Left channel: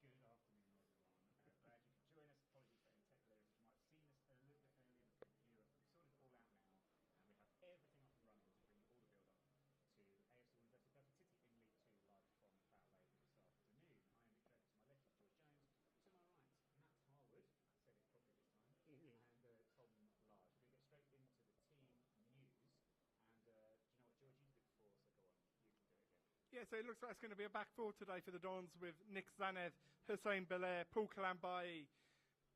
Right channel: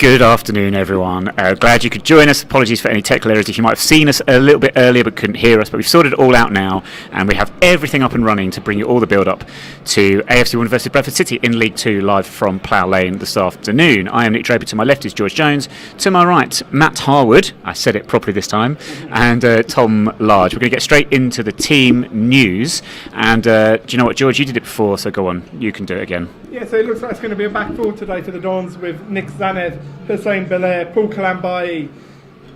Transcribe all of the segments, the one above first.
Good afternoon, everyone. Glad you could join us. Apologies for any technical errors if you might have seen us a little bit earlier but couldn't hear us, but we've sorted it all out now and we have everything up and running to bring you all the build-up to AFC 1 versus Bradford City in League 2 live from Plough Lane this afternoon. I am Nick Draper. To my left is George Jones. To my right, Matt Harwood. I said it properly this time. And Tom Large. We're going to get straight into the team news. And do you know what, George? You did it before, so go on. You can do it again. Yeah, so it looks like it's going to be a back four today for the Dons with Nick Zanev, Hussein Belair, Paul Kalambai,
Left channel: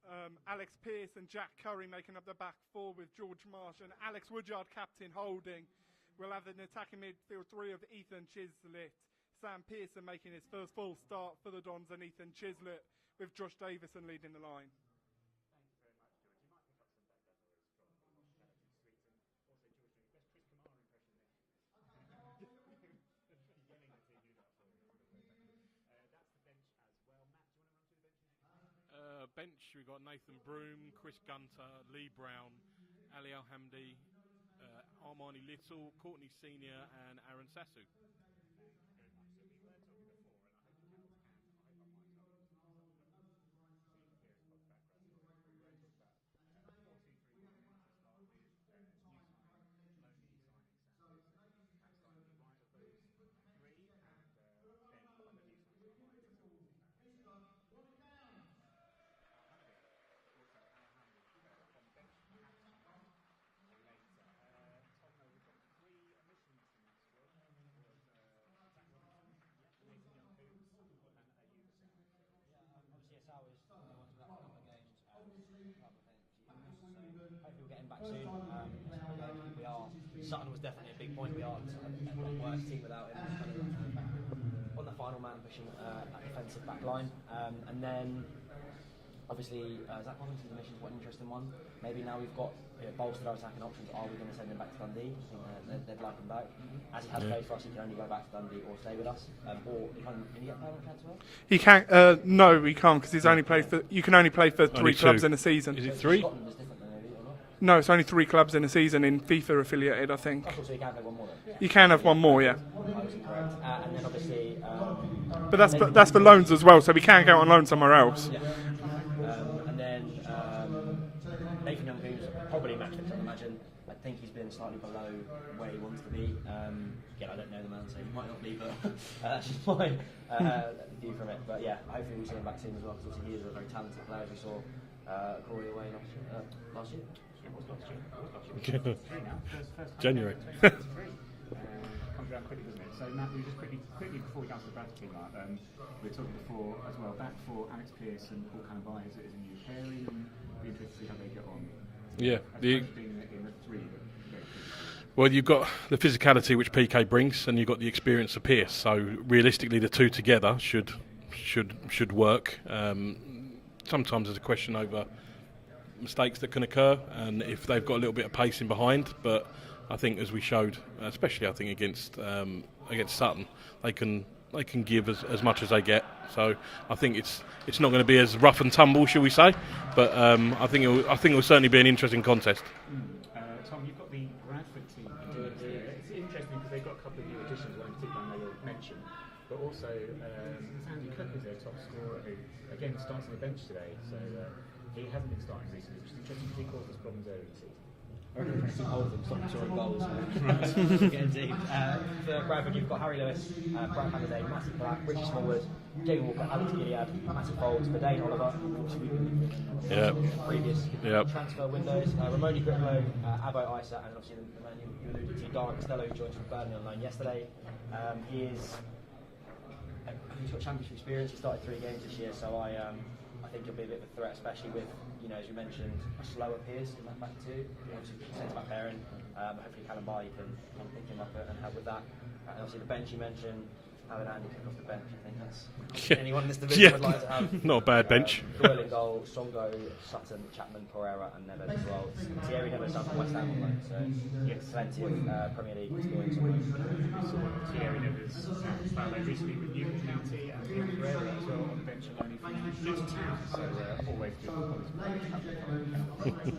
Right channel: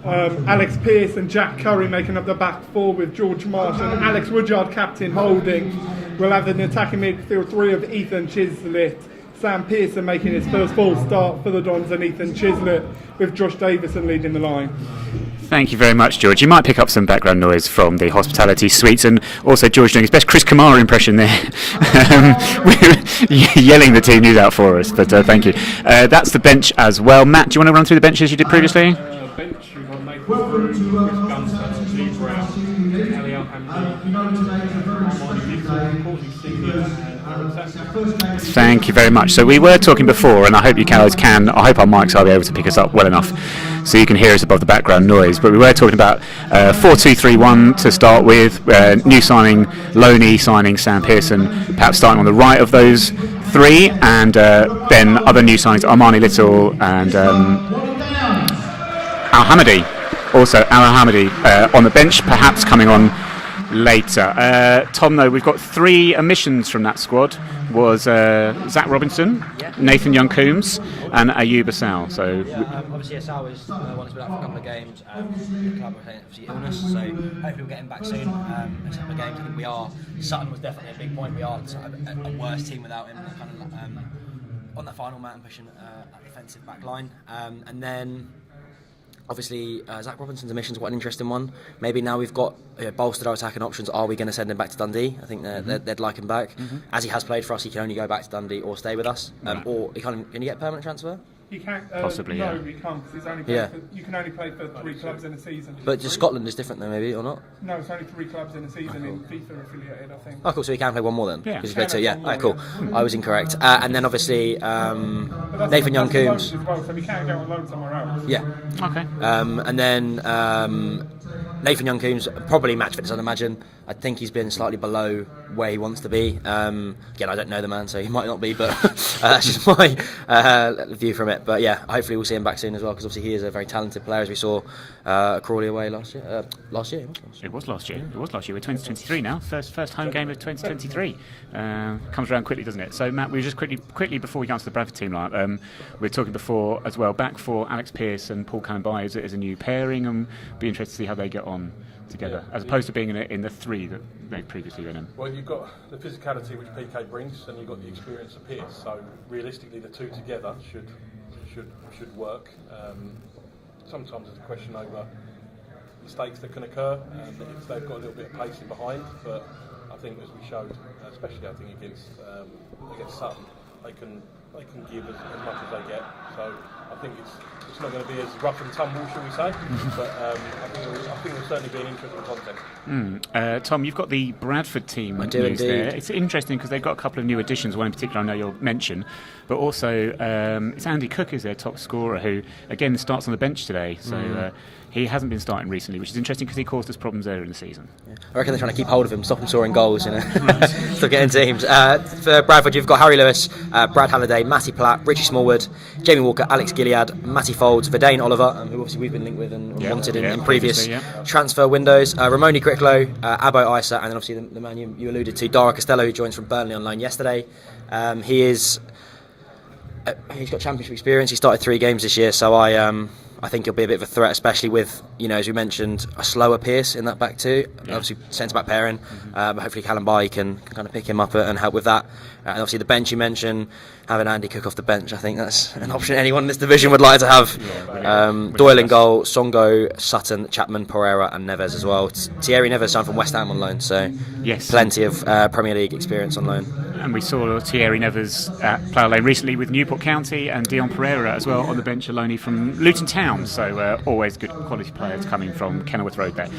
Alex Pearce and Jack Curry making up the back four with George Marsh and Alex Woodyard captain holding. We'll have an attacking midfield three of Ethan Chislett, Sam Pearson making his first full start for the Dons and Ethan Chislett with Josh Davison leading the line. Thank you very much, George. You might pick up some background noise from the hospitality suites, and also George doing his best Chris Kamara impression there, yelling the team news out for us, but thank you. That's the bench as well. Matt, do you want to run through the bench as you did previously? Bench, we've got Nathan Brew, Chris Gunston, Steve Brown, Kelly Thank you very much. So we were talking before, and I hope you guys can, I hope our mics will be able to pick us up well enough so you can hear us above the background noise, but we were talking about 4-2-3-1 to start with, new signing, Loney signing Sam Pearson, perhaps starting on the right of those three, and then other new signings, Armani Little and Al-Hamadi, also Al-Hamadi on the bench, perhaps coming on later. Tom, though, we've got three omissions from that squad. Was Zach Robinson, Nathan Young-Coombs and Ayub Assal. So obviously Assal is one who's been out for a couple of games. The club are obviously illness, so hopefully we'll get him back soon. Next couple of games, I think we are. Sutton was definitely a big point. We are a worse team without him. Kind of on the final man pushing that defensive back line, and then. Obviously, Zach Robinson's omission's quite an interesting one. Maybe now we've got bolstered our attacking options. Are we going to send him back to Dundee? I think they'd like him back. As he has played for us, he can only go back to Dundee or stay with us. Or can you get a permanent transfer? He can't. No, he can't because he's only played for. You can only play for three clubs in a season. But Scotland is different, though, maybe or not? No, it's only three clubs in a season in FIFA affiliated, I think. Oh, cool. So he can play one more then. Yeah, he can have one more. Cool. I was incorrect. And then obviously, but that's the loans as well, so we can't go on loan somewhere else. Yeah. Okay. And then Nathan Young-Coombs, probably match fitness, I'd imagine. I think he's been slightly below where he wants to be. Again, I don't know the man, so he might not be, but that's just my view from it. But yeah, hopefully we'll see him back soon as well, because obviously he is a very talented player, as we saw Crawley away last year. It was last year. We're 2023 now. First home game of 2023. Comes around quickly, doesn't it? So Matt, we were just quickly before we go on to the Bradford team line, we were talking before as well, back for Alex Pearce and Paul Kalambai as a new pairing, and be interested to see how they get on together, as opposed to being in the three that they previously were in. Well, you've got the physicality which PK brings, and you've got the experience of Pearce. So realistically, the two together should work. Sometimes there's a question over mistakes that can occur, and if they've got a little bit of pacing behind. But I think, as we showed, especially I think against Sutton, they can give as much as they get. So I think it's not going to be as rough and tumble, shall we say? But I think it will certainly be an interesting contest. Tom, you've got the Bradford team I do news indeed. there. It's interesting because they've got a couple of new additions. One in particular I know you'll mention, but also it's Andy Cook is their top scorer, who again starts on the bench today. So he hasn't been starting recently, which is interesting because he caused us problems earlier in the season. Yeah. I reckon they're trying to keep hold of him, stop him scoring goals, still getting teams. For Bradford, you've got Harry Lewis, Brad Halliday, Matty Platt, Richie Smallwood, Jamie Walker, Alex Gilead, Matty Folds, Verdane Oliver, who obviously we've been linked with and wanted in previous transfer windows, Ramoni Gricklow, Abo Isa, and then obviously the man you alluded to, Dara Costello, who joins from Burnley on loan yesterday. He's got championship experience. He started 3 games this year, so I think he'll be a bit of a threat, especially with, as we mentioned, a slower Pearce in that back two. Obviously, centre-back pairing. But hopefully Kalambai can kind of pick him up and help with that. And obviously the bench you mentioned, having Andy Cook off the bench, I think that's an option anyone in this division would like to have. Not a bad bench. Doyle in goal, Songo, Sutton, Chapman, Pereira and Neves as well. Thierry Neves signed from West Ham on loan, so plenty of Premier League experience on loan. And we saw Thierry Neves at Plough Lane recently with Newport County, and Dion Pereira as well on the bench alone from Luton Town. So always good quality players coming from Kenilworth Road there.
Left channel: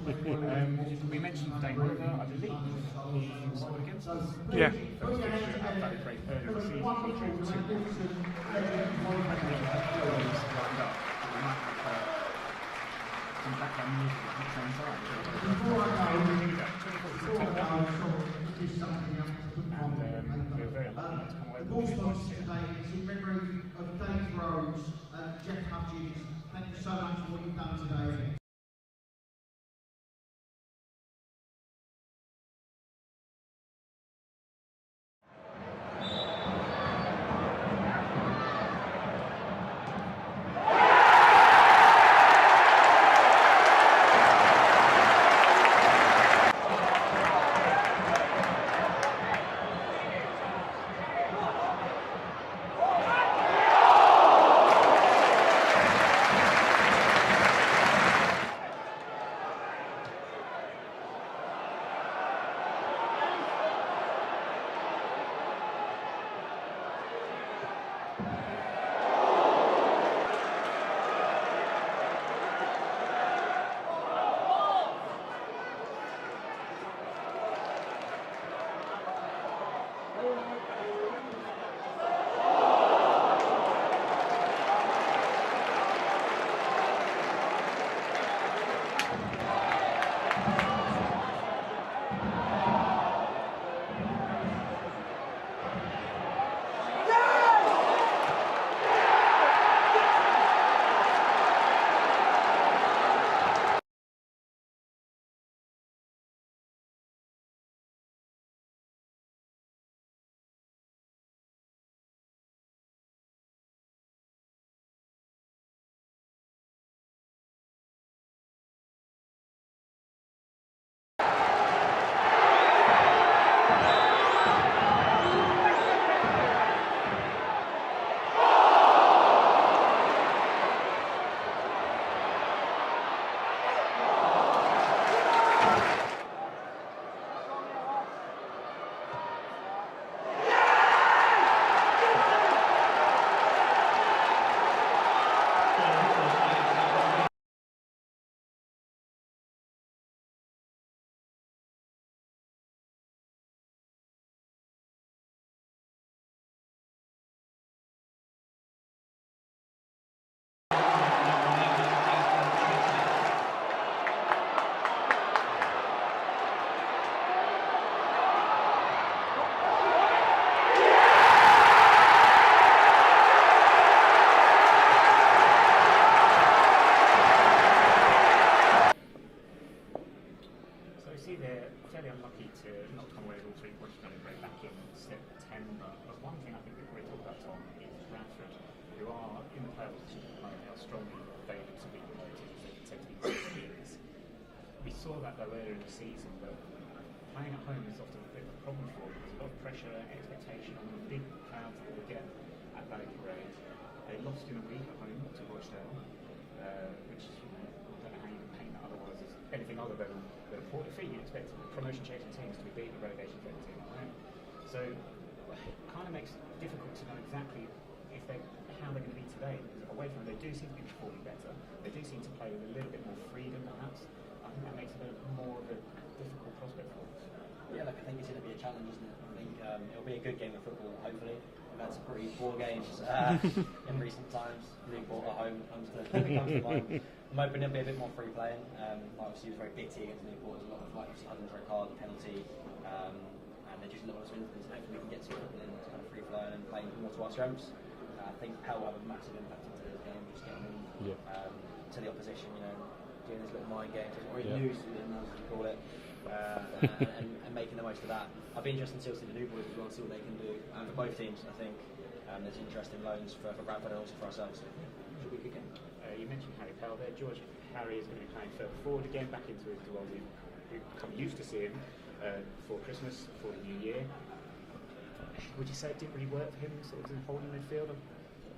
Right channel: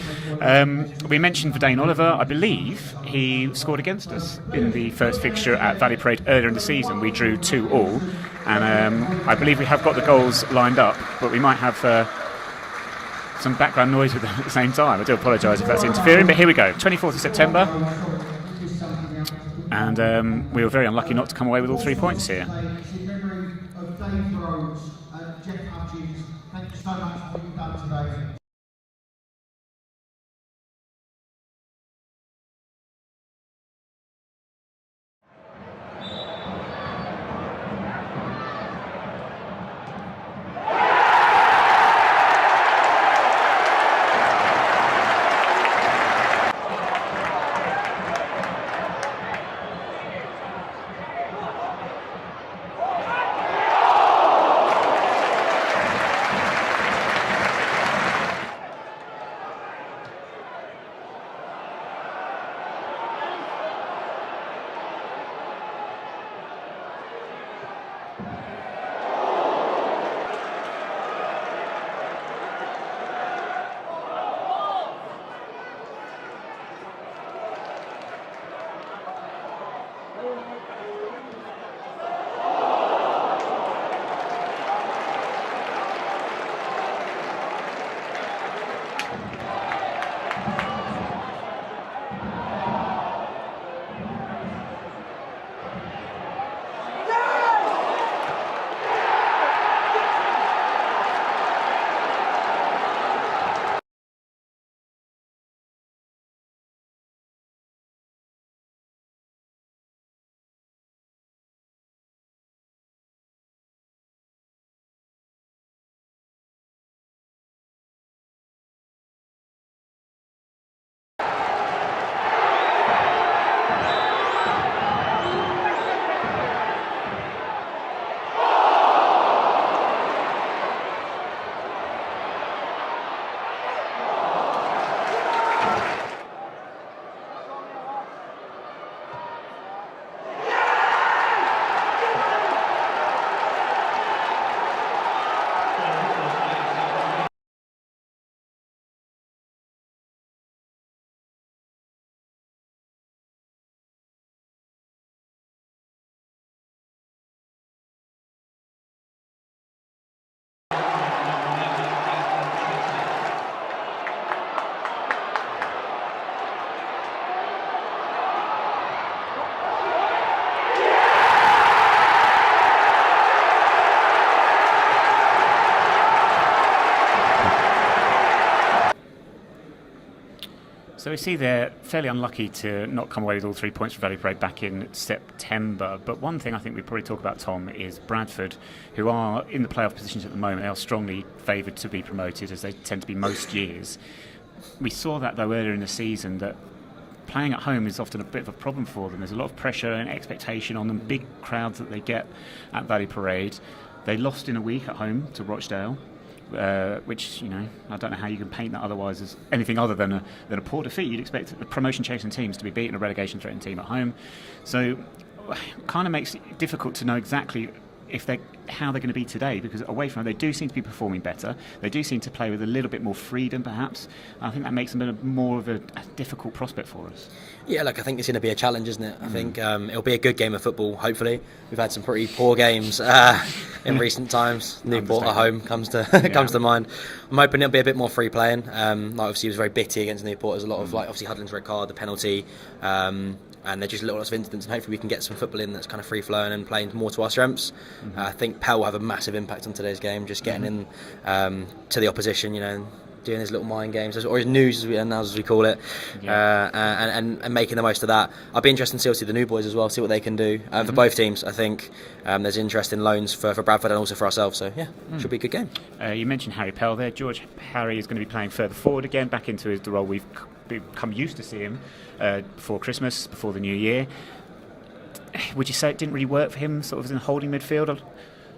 We mentioned Verdane Oliver. I believe he scored against us in the first fixture at Valley Parade earlier in the season. We drew 2-2. And I believe we have got the goals lined up, but we might have some background noise with them at the same time. I do apologise if that's interfering, but here we go. 24th of September. And we were very unlucky not to come away with all 3 points here. So we see they're fairly unlucky to not come away with all 3 points from Valley Parade back in September. But one thing I think we probably talk about, Tom, is Bradford, who are in the playoff positions at the moment. They are strongly favoured to be promoted, as they tend to be most years. We saw that, though, earlier in the season, that playing at home is often a bit of a problem for them. There's a lot of pressure and expectation on them, big crowds that they get at Valley Parade. They lost in a week at home to Rochdale. Which, you know, I don't know how you can paint that otherwise as anything other than a poor defeat. You'd expect the promotion-chasing teams to be beating a relegation-threatened team at home. So kind of makes it difficult to know exactly how they're going to be today, because away from home they do seem to be performing better. They do seem to play with a little bit more freedom, perhaps. I think that makes them more of a difficult prospect for us. Yeah, look, I think it's going to be a challenge, isn't it? I think it'll be a good game of football, hopefully. We've had some pretty poor games in recent times. Newport at home comes to mind. I'm hoping it'll be a bit more free playing. Obviously, it was very bitty against Newport. There's a lot of, obviously, Hudlin's red card, the penalty. And they're just lots of incidents, and hopefully we can get some football in that's kind of free flowing and playing more to our strengths. I think Pell will have a massive impact on today's game, just getting in to the opposition, you know, doing his little mind games, or his news as we call it, and making the most of that. I'll be interested to see obviously the new boys as well, see what they can do for both teams. I think there's interest in loans for Bradford and also for ourselves, so yeah, should be a good game. You mentioned Harry Pell there. George Harry is going to be playing further forward again, back into the role we've become used to see him before Christmas, before the new year. Would you say it didn't really work for him, sort of in holding midfield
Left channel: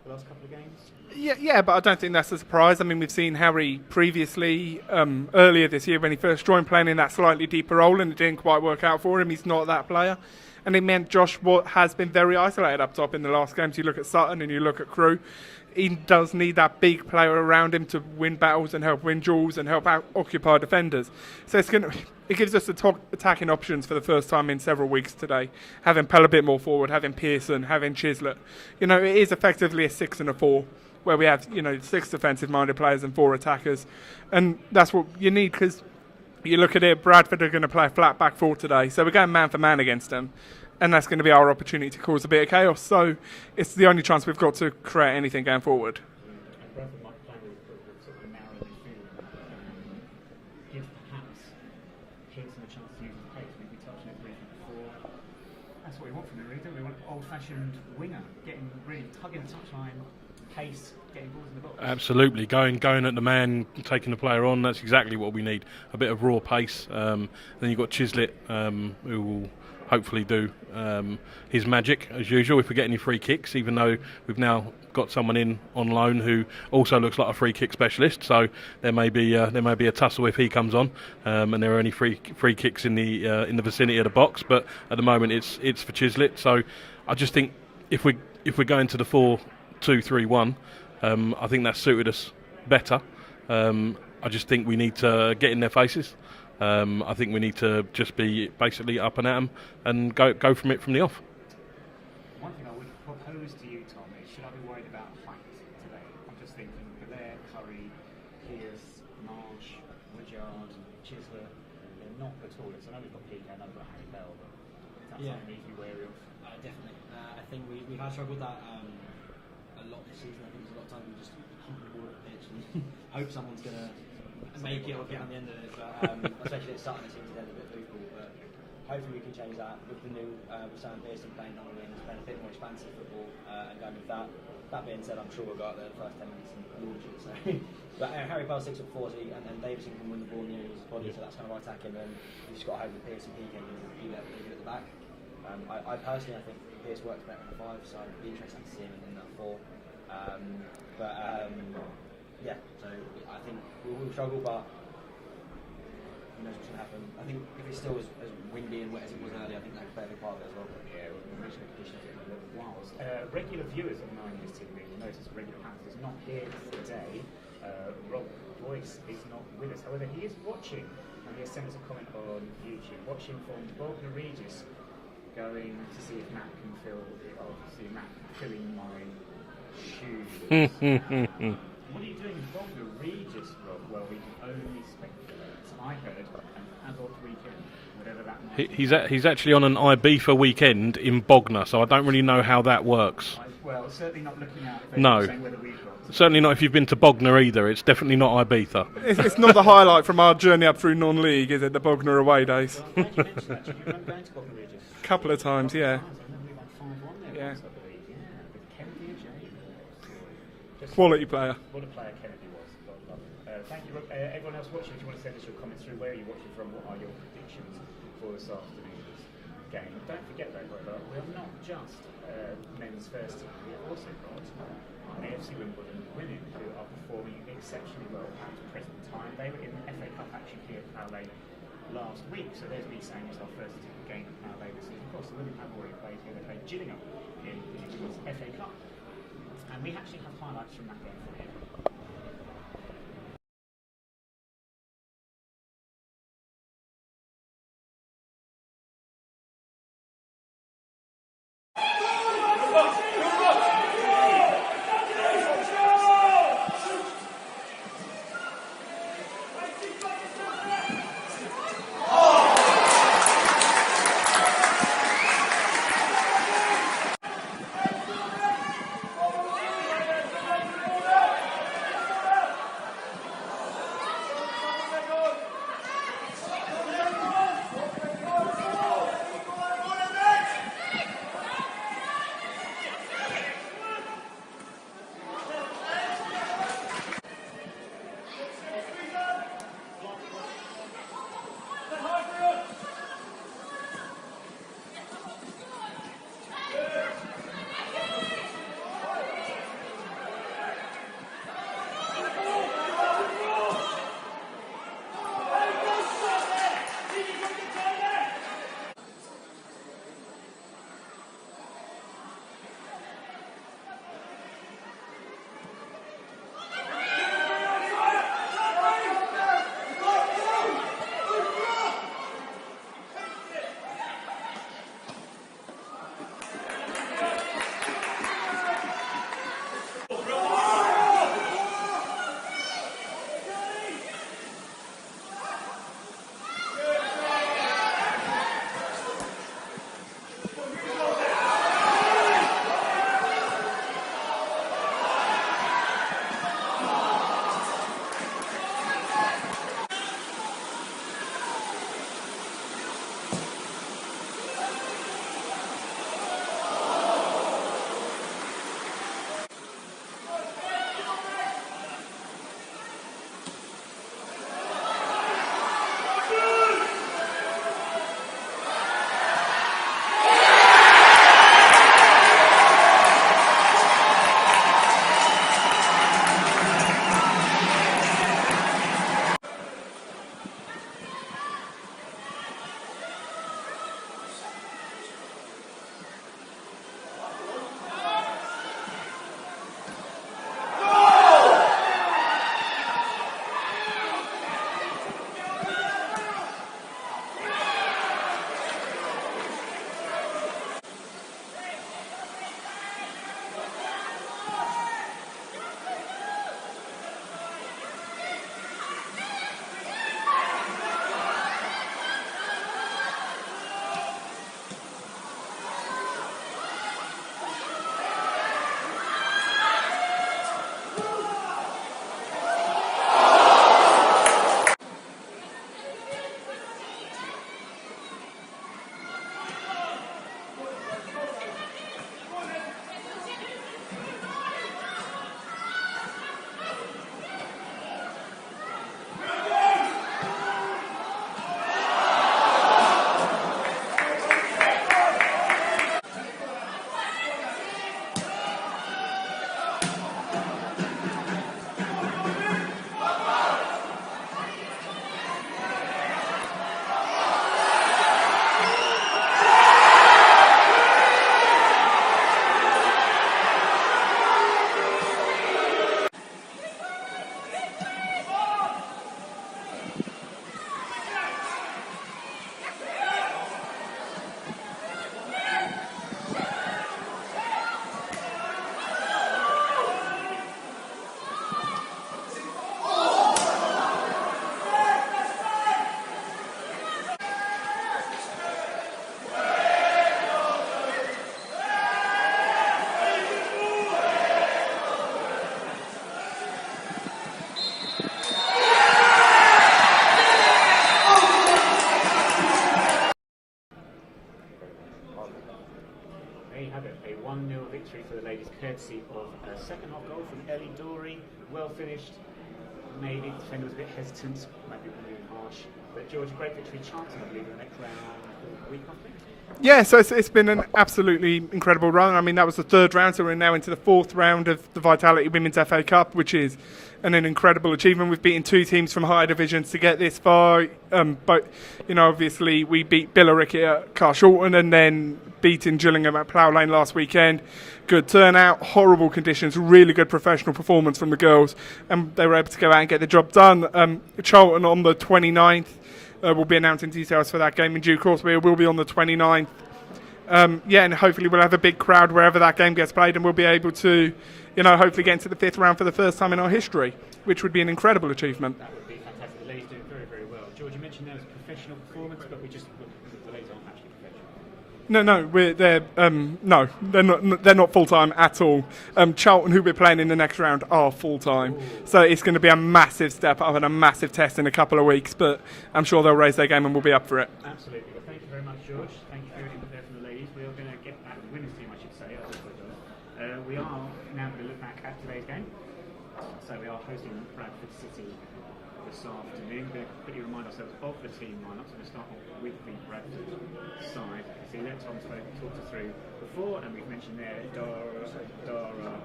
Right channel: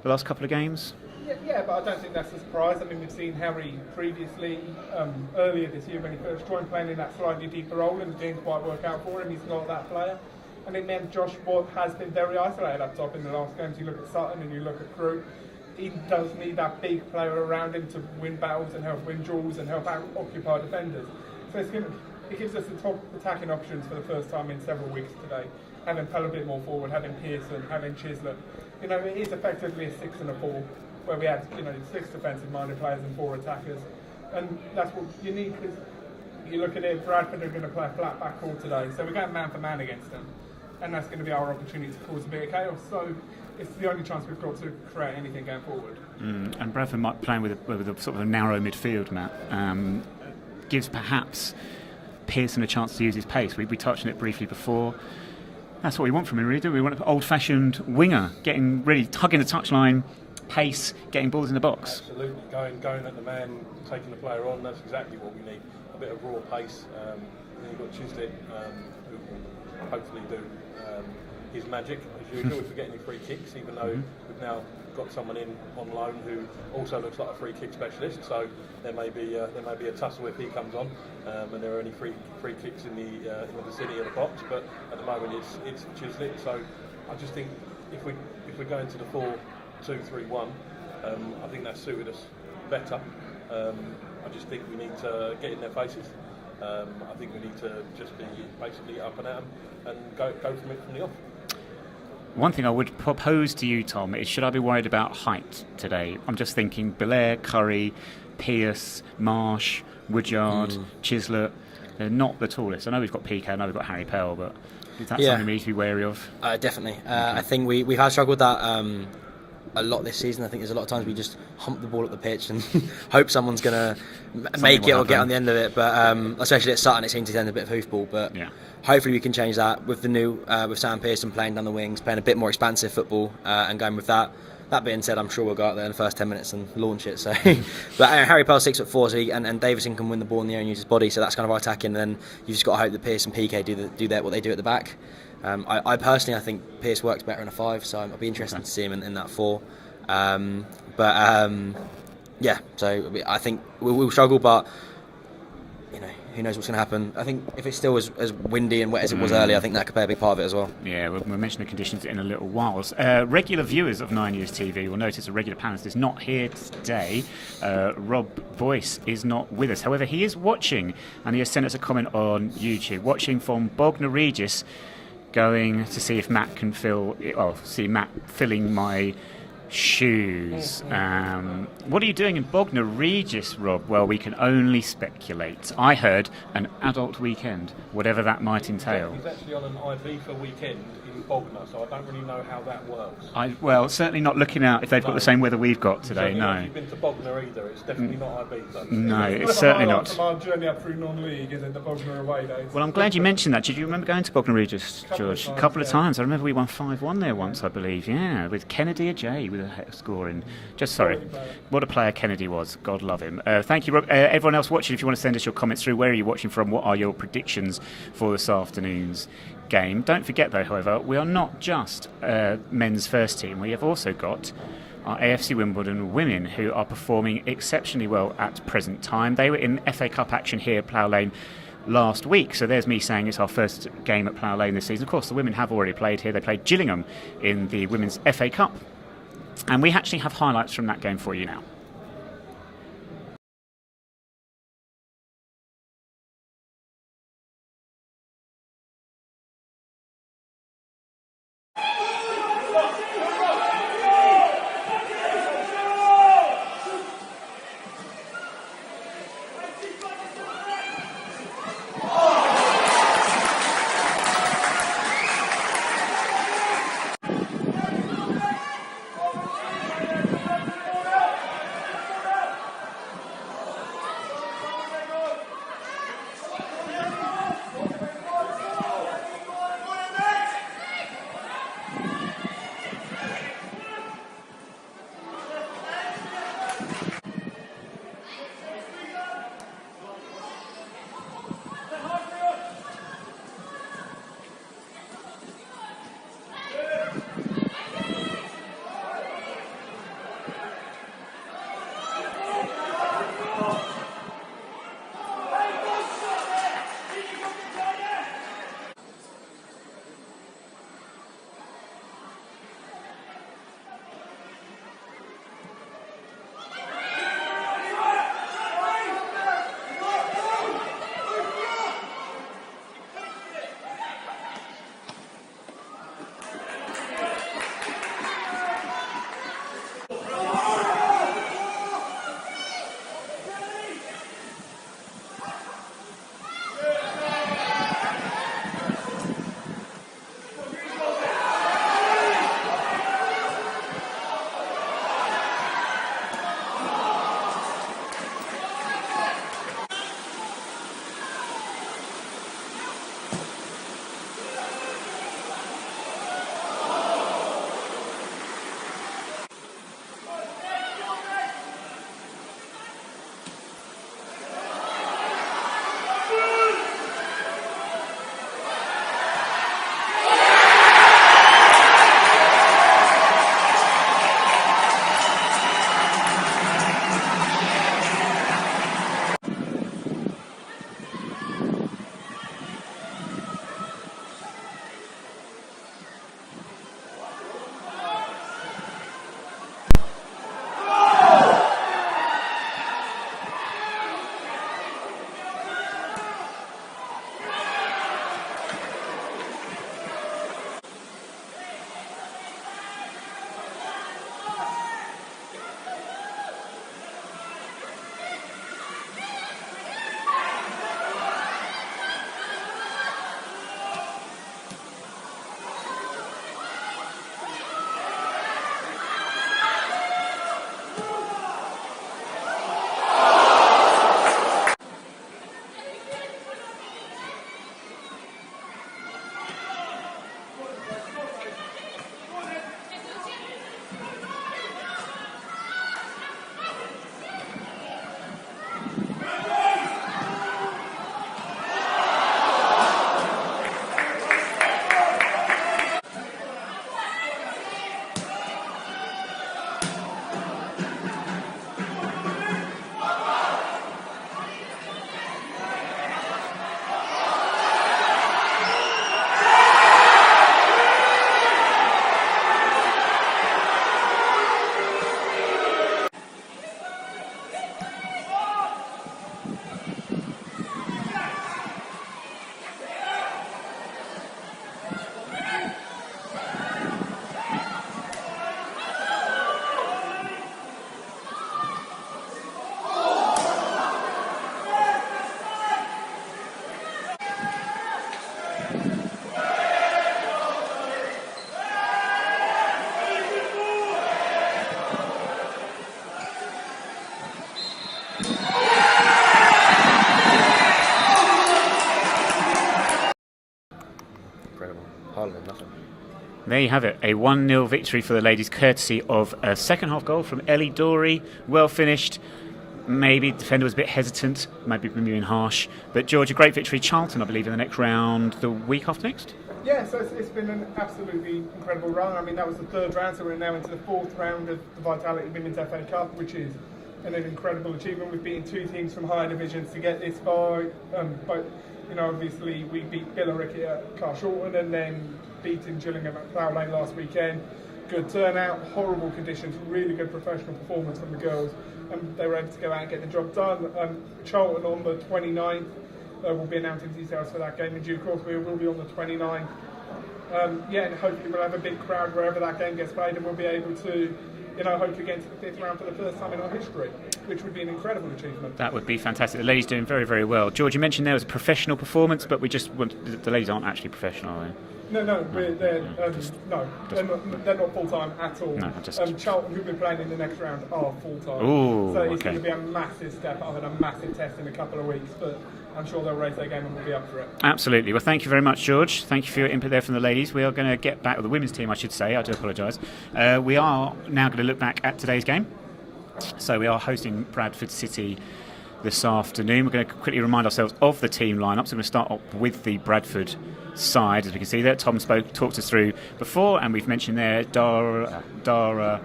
the last couple of games? Yeah, but I don't think that's a surprise. I mean, we've seen Harry previously, earlier this year when he first joined, playing in that slightly deeper role, and it didn't quite work out for him. He's not that player. And it meant Josh has been very isolated up top in the last games. You look at Sutton and you look at Crewe. he does need that big player around him to win battles and help win duels and help out occupy defenders. So it gives us the top attacking options for the first time in several weeks today. Having Pell a bit more forward, having Pearson, having Chislett. It is effectively a 6 and a 4, where we have 6 defensive-minded players and 4 attackers, and that's what you need, because you look at it, Bradford are going to play a flat back 4 today, so we're going man for man against them. And that's going to be our opportunity to cause a bit of chaos. So it's the only chance we've got to create anything going forward. And Bradford might playing with a sort of a narrow midfield, Matt, gives perhaps Pearson a chance to use his pace. We touched on it briefly before. That's what we want from him, really, do we? We want an old-fashioned winger, getting ready, hugging the touchline, pace, getting balls in the box. Absolutely, going at the man, taking the player on. That's exactly what we need. A bit of raw pace. Then you've got Chislett, who will hopefully do his magic as usual if we get any free kicks, even though we've now got someone in on loan who also looks like a free kick specialist, so there may be a tussle if he comes on, and there are only free kicks in the vicinity of the box, but at the moment it's for Chislett. So I just think if we're going to the 4-2-3-1, I think that's suited us better. I just think we need to get in their faces. I think we need to just be basically up and at them and go from the off. One thing I would propose to you, Tom, is should I be worried about height today? I'm just thinking Belair, Curry, Pearce, Marsh, Woodyard, Chislett. They're not the tallest. I know we've got PK, I know we've got Harry Pell, but is that something we need to be wary of? Definitely. I think we've had struggled with that a lot this season. I think there's a lot of times we just hump the ball up the pitch and hope someone's going to make it or get on the end of it. But especially at Sutton, it seems to end a bit of hoofball. But hopefully we can change that with the new with Sam Pearson playing down the wings, playing a bit more expansive football, and going with that. That being said, I'm sure we'll go out there in the first 10 minutes and launch it. So, but Harry Pell's 6'4", so and Davison can win the ball in the air and use his body. So that's kind of our attacking. And then you just got to hope that Pearce and PK do what they do at the back. I personally, I think Pearce works better in a 5, so I'll be interested to see him in that 4. So I think we'll struggle, but who knows what's going to happen. I think if it's still as windy and wet as it was earlier, I think that could play a big part of it as well. Yeah, we'll mention the conditions in a little while. Regular viewers of 9yrsTV will notice a regular panelist is not here today. Rob Boyce is not with us. However, he is watching, and he has sent us a comment on YouTube, watching from Bognor Regis, going to see if Matt can see Matt filling my shoes. What are you doing in Bognor Regis, Rob? Well, we can only speculate. I heard an adult weekend, whatever that might entail. He's actually on an Ibiza weekend in Bognor, so I don't really know how that works. Well, certainly not looking out if they've got the same weather we've got today. Certainly not if you've been to Bognor either. It's definitely not Ibiza. No, it's not the highlight from our journey up through non-league, is it, the Bognor away days? Well, I'm glad you mentioned that. Did you remember going to Bognor Regis, Couple of times, A couple of times. I remember we won 5-1 there once, I believe. Yeah, with Kennedy Ajay with a scoring. Quality player. What a player Kennedy was. God love him. Thank you, Rob. Everyone else watching, if you want to send us your comments through, where are you watching from? What are your predictions for this afternoon's game? Don't forget, though, however, we are not just men's first team. We have also got our AFC Wimbledon women, who are performing exceptionally well at present time. They were in FA Cup action here at Plough Lane last week, so there's me saying it's our first game at Plough Lane this season. Of course, the women have already played here. They played Gillingham in the Women's FA Cup, and we actually have highlights from that game for you now. there you have it. A 1-0 victory for the ladies, courtesy of a second half goal from Ellie Dorey. Well finished. Maybe the defender was a bit hesitant, maybe being harsh. But George, a great victory. Charlton, I believe, in the next round, the week after next. Yeah, so it's been an absolutely incredible run. I mean, that was the third round, so we're now into the fourth round of the Vitality Women's FA Cup, which is an incredible achievement. We've beaten 2 teams from higher divisions to get this far. But, obviously we beat Billericay at Carshalton and then beating Gillingham at Plough Lane last weekend. Good turnout, horrible conditions, really good professional performance from the girls, and they were able to go out and get the job done. Charlton on the 29th. We'll be announcing details for that game in due course. We will be on the 29th. And hopefully we'll have a big crowd wherever that game gets played, and we'll be able to, hopefully get into the 5th round for the first time in our history, which would be an incredible achievement. That would be fantastic. The ladies doing very, very well. George, you mentioned there was a professional performance, but the ladies aren't actually professional, are they? No, they're not full time at all. No, Charlton, who we're playing in the next round, are full time. So it's going to be a massive step up and a massive test in a couple of weeks. But I'm sure they'll raise their game and we'll be up for it. Absolutely. Well, thank you very much, George. Thank you for your input there from the ladies. We are going to get back with the women's team, I should say. I do apologise. We are now going to look back at today's game. So we are hosting Bradford City this afternoon. We're going to quickly remind ourselves of the team lineup. So we're going to start up with the Bradford side, as we can see there. Tom talked us through before, and we've mentioned there Dara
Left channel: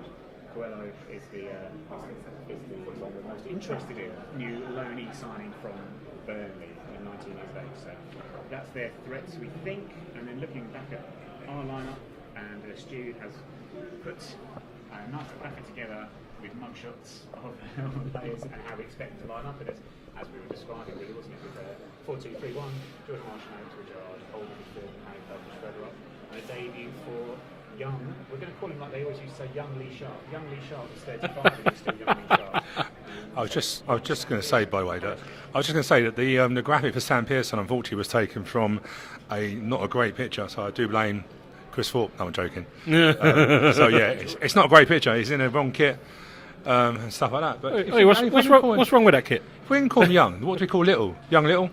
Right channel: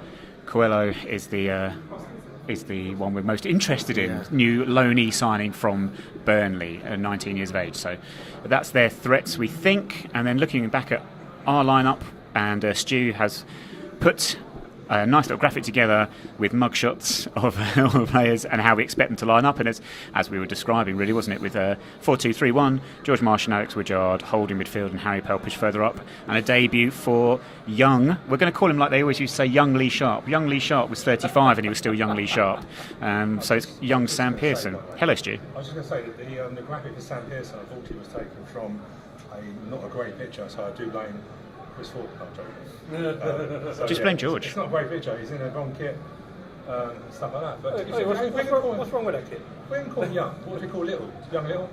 Coelho is the one we're most interested in. New loanee signing from Burnley, 19 years of age. So that's their threats, we think. And then looking back at our lineup, and Stu has put a nice little graphic together with mugshots of all the players and how we expect them to line up. And it's, as we were describing, really, wasn't it? With 4-2-3-1, George Marsh and Alex Woodyard holding midfield and Harry Pelpish further up. And a debut for young, we're going to call him like they always used to say, young Lee Sharp. Young Lee Sharp was 35 and he was still young Lee Sharp. Young Sam Pearson. Hello, Stu. I was just going to say that the graphic for Sam Pearson, unfortunately, was taken from not a great picture, so I do blame Chris Thorpe. No, I'm joking. It's not a great picture. He's in a wrong kit and stuff like that. But what's wrong with that kit? We didn't call him young. What do we call Little? Young Little?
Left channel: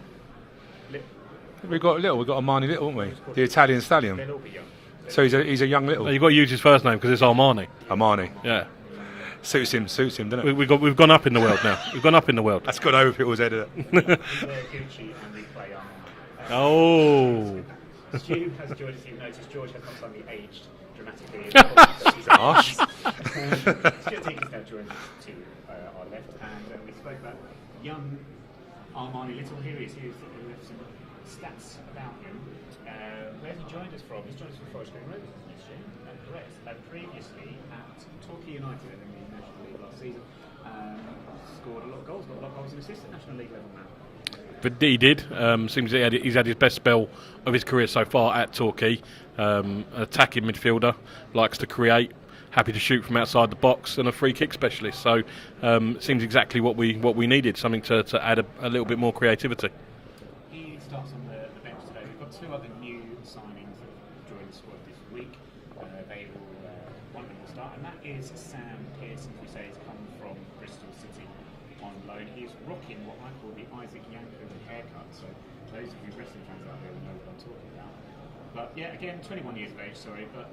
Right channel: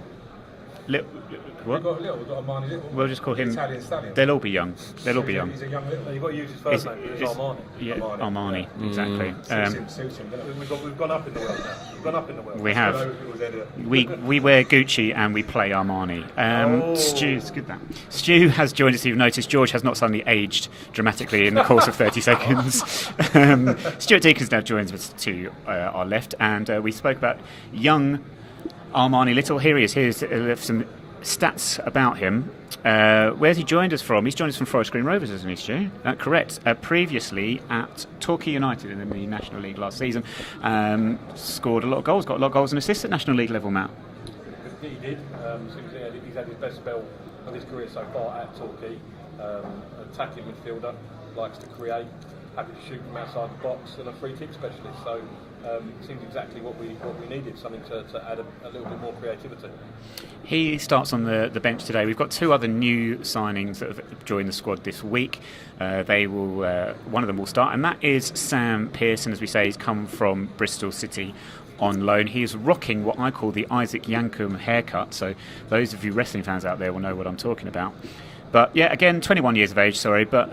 We've got Armani Little. We'll just call the him Italian stallion. They'll all be young. He's a young Little. You've got to use his first name because it's Armani. Yeah, Armani. Yeah, exactly. Suits him, doesn't it? We've gone up in the world now. We've gone up in the world. We That's good over if it was editor. we wear Gucci and we play Armani. Stu has joined us. You've noticed George has not suddenly aged dramatically in the course of 30 seconds. Stuart Deacons now joins us to our left, and we spoke about young Armani Little. Here he is. Here's some stats about him. Where's he joined us from? He's joined us from Forest Green Rovers, isn't he, Stu? Correct. Previously at Torquay United in the National League last season. Scored a lot of goals, got a lot of goals and assists at National League level, Matt. But he did. Seems he's had his best spell of his career so far at Torquay. Attacking midfielder, likes to create, happy to shoot from outside the box, and a free kick specialist. So seems exactly what we needed, something to add a little bit more creativity. He starts on the bench today. We've got 2 other new signings that have joined the squad this week. One of them will start, and that is Sam Pearson. As we say, he's come from Bristol City on loan. He is rocking what I call the Isaac Yankum haircut. So those of you wrestling fans out there will know what I'm talking about. But yeah, again, 21 years of age, but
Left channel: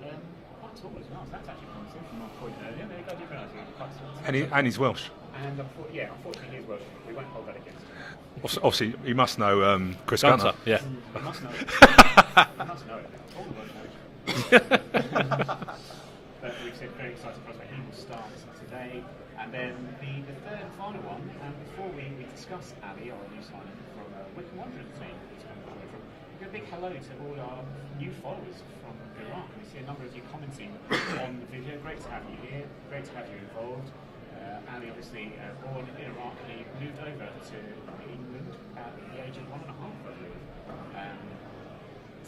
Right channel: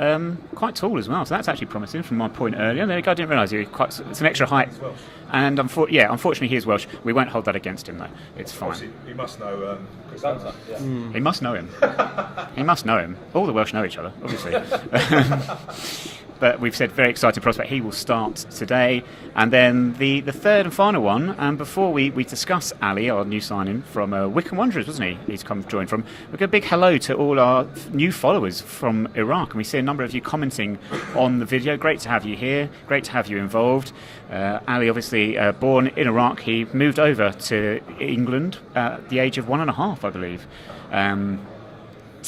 quite tall as well. So that's actually promising from my point earlier. There you go, I didn't realise it's an extra height. And he's Welsh. And unfortunately he is Welsh. We won't hold that against him, though. Obviously, he must know Chris Gunter. Yeah. He must know him. He must know him. All the Welsh know each other, obviously. But we've said very excited prospect. He will start today. And then the third and final one, and before we discuss Ali, our new signing from Wycombe Wanderers, wasn't he? He's joined from. We've got a big hello to all our new followers from Iraq. And we see a number of you commenting on the video. Great to have you here. Great to have you involved. Ali, obviously born in Iraq. He moved over to England at the age of 1.5, I believe,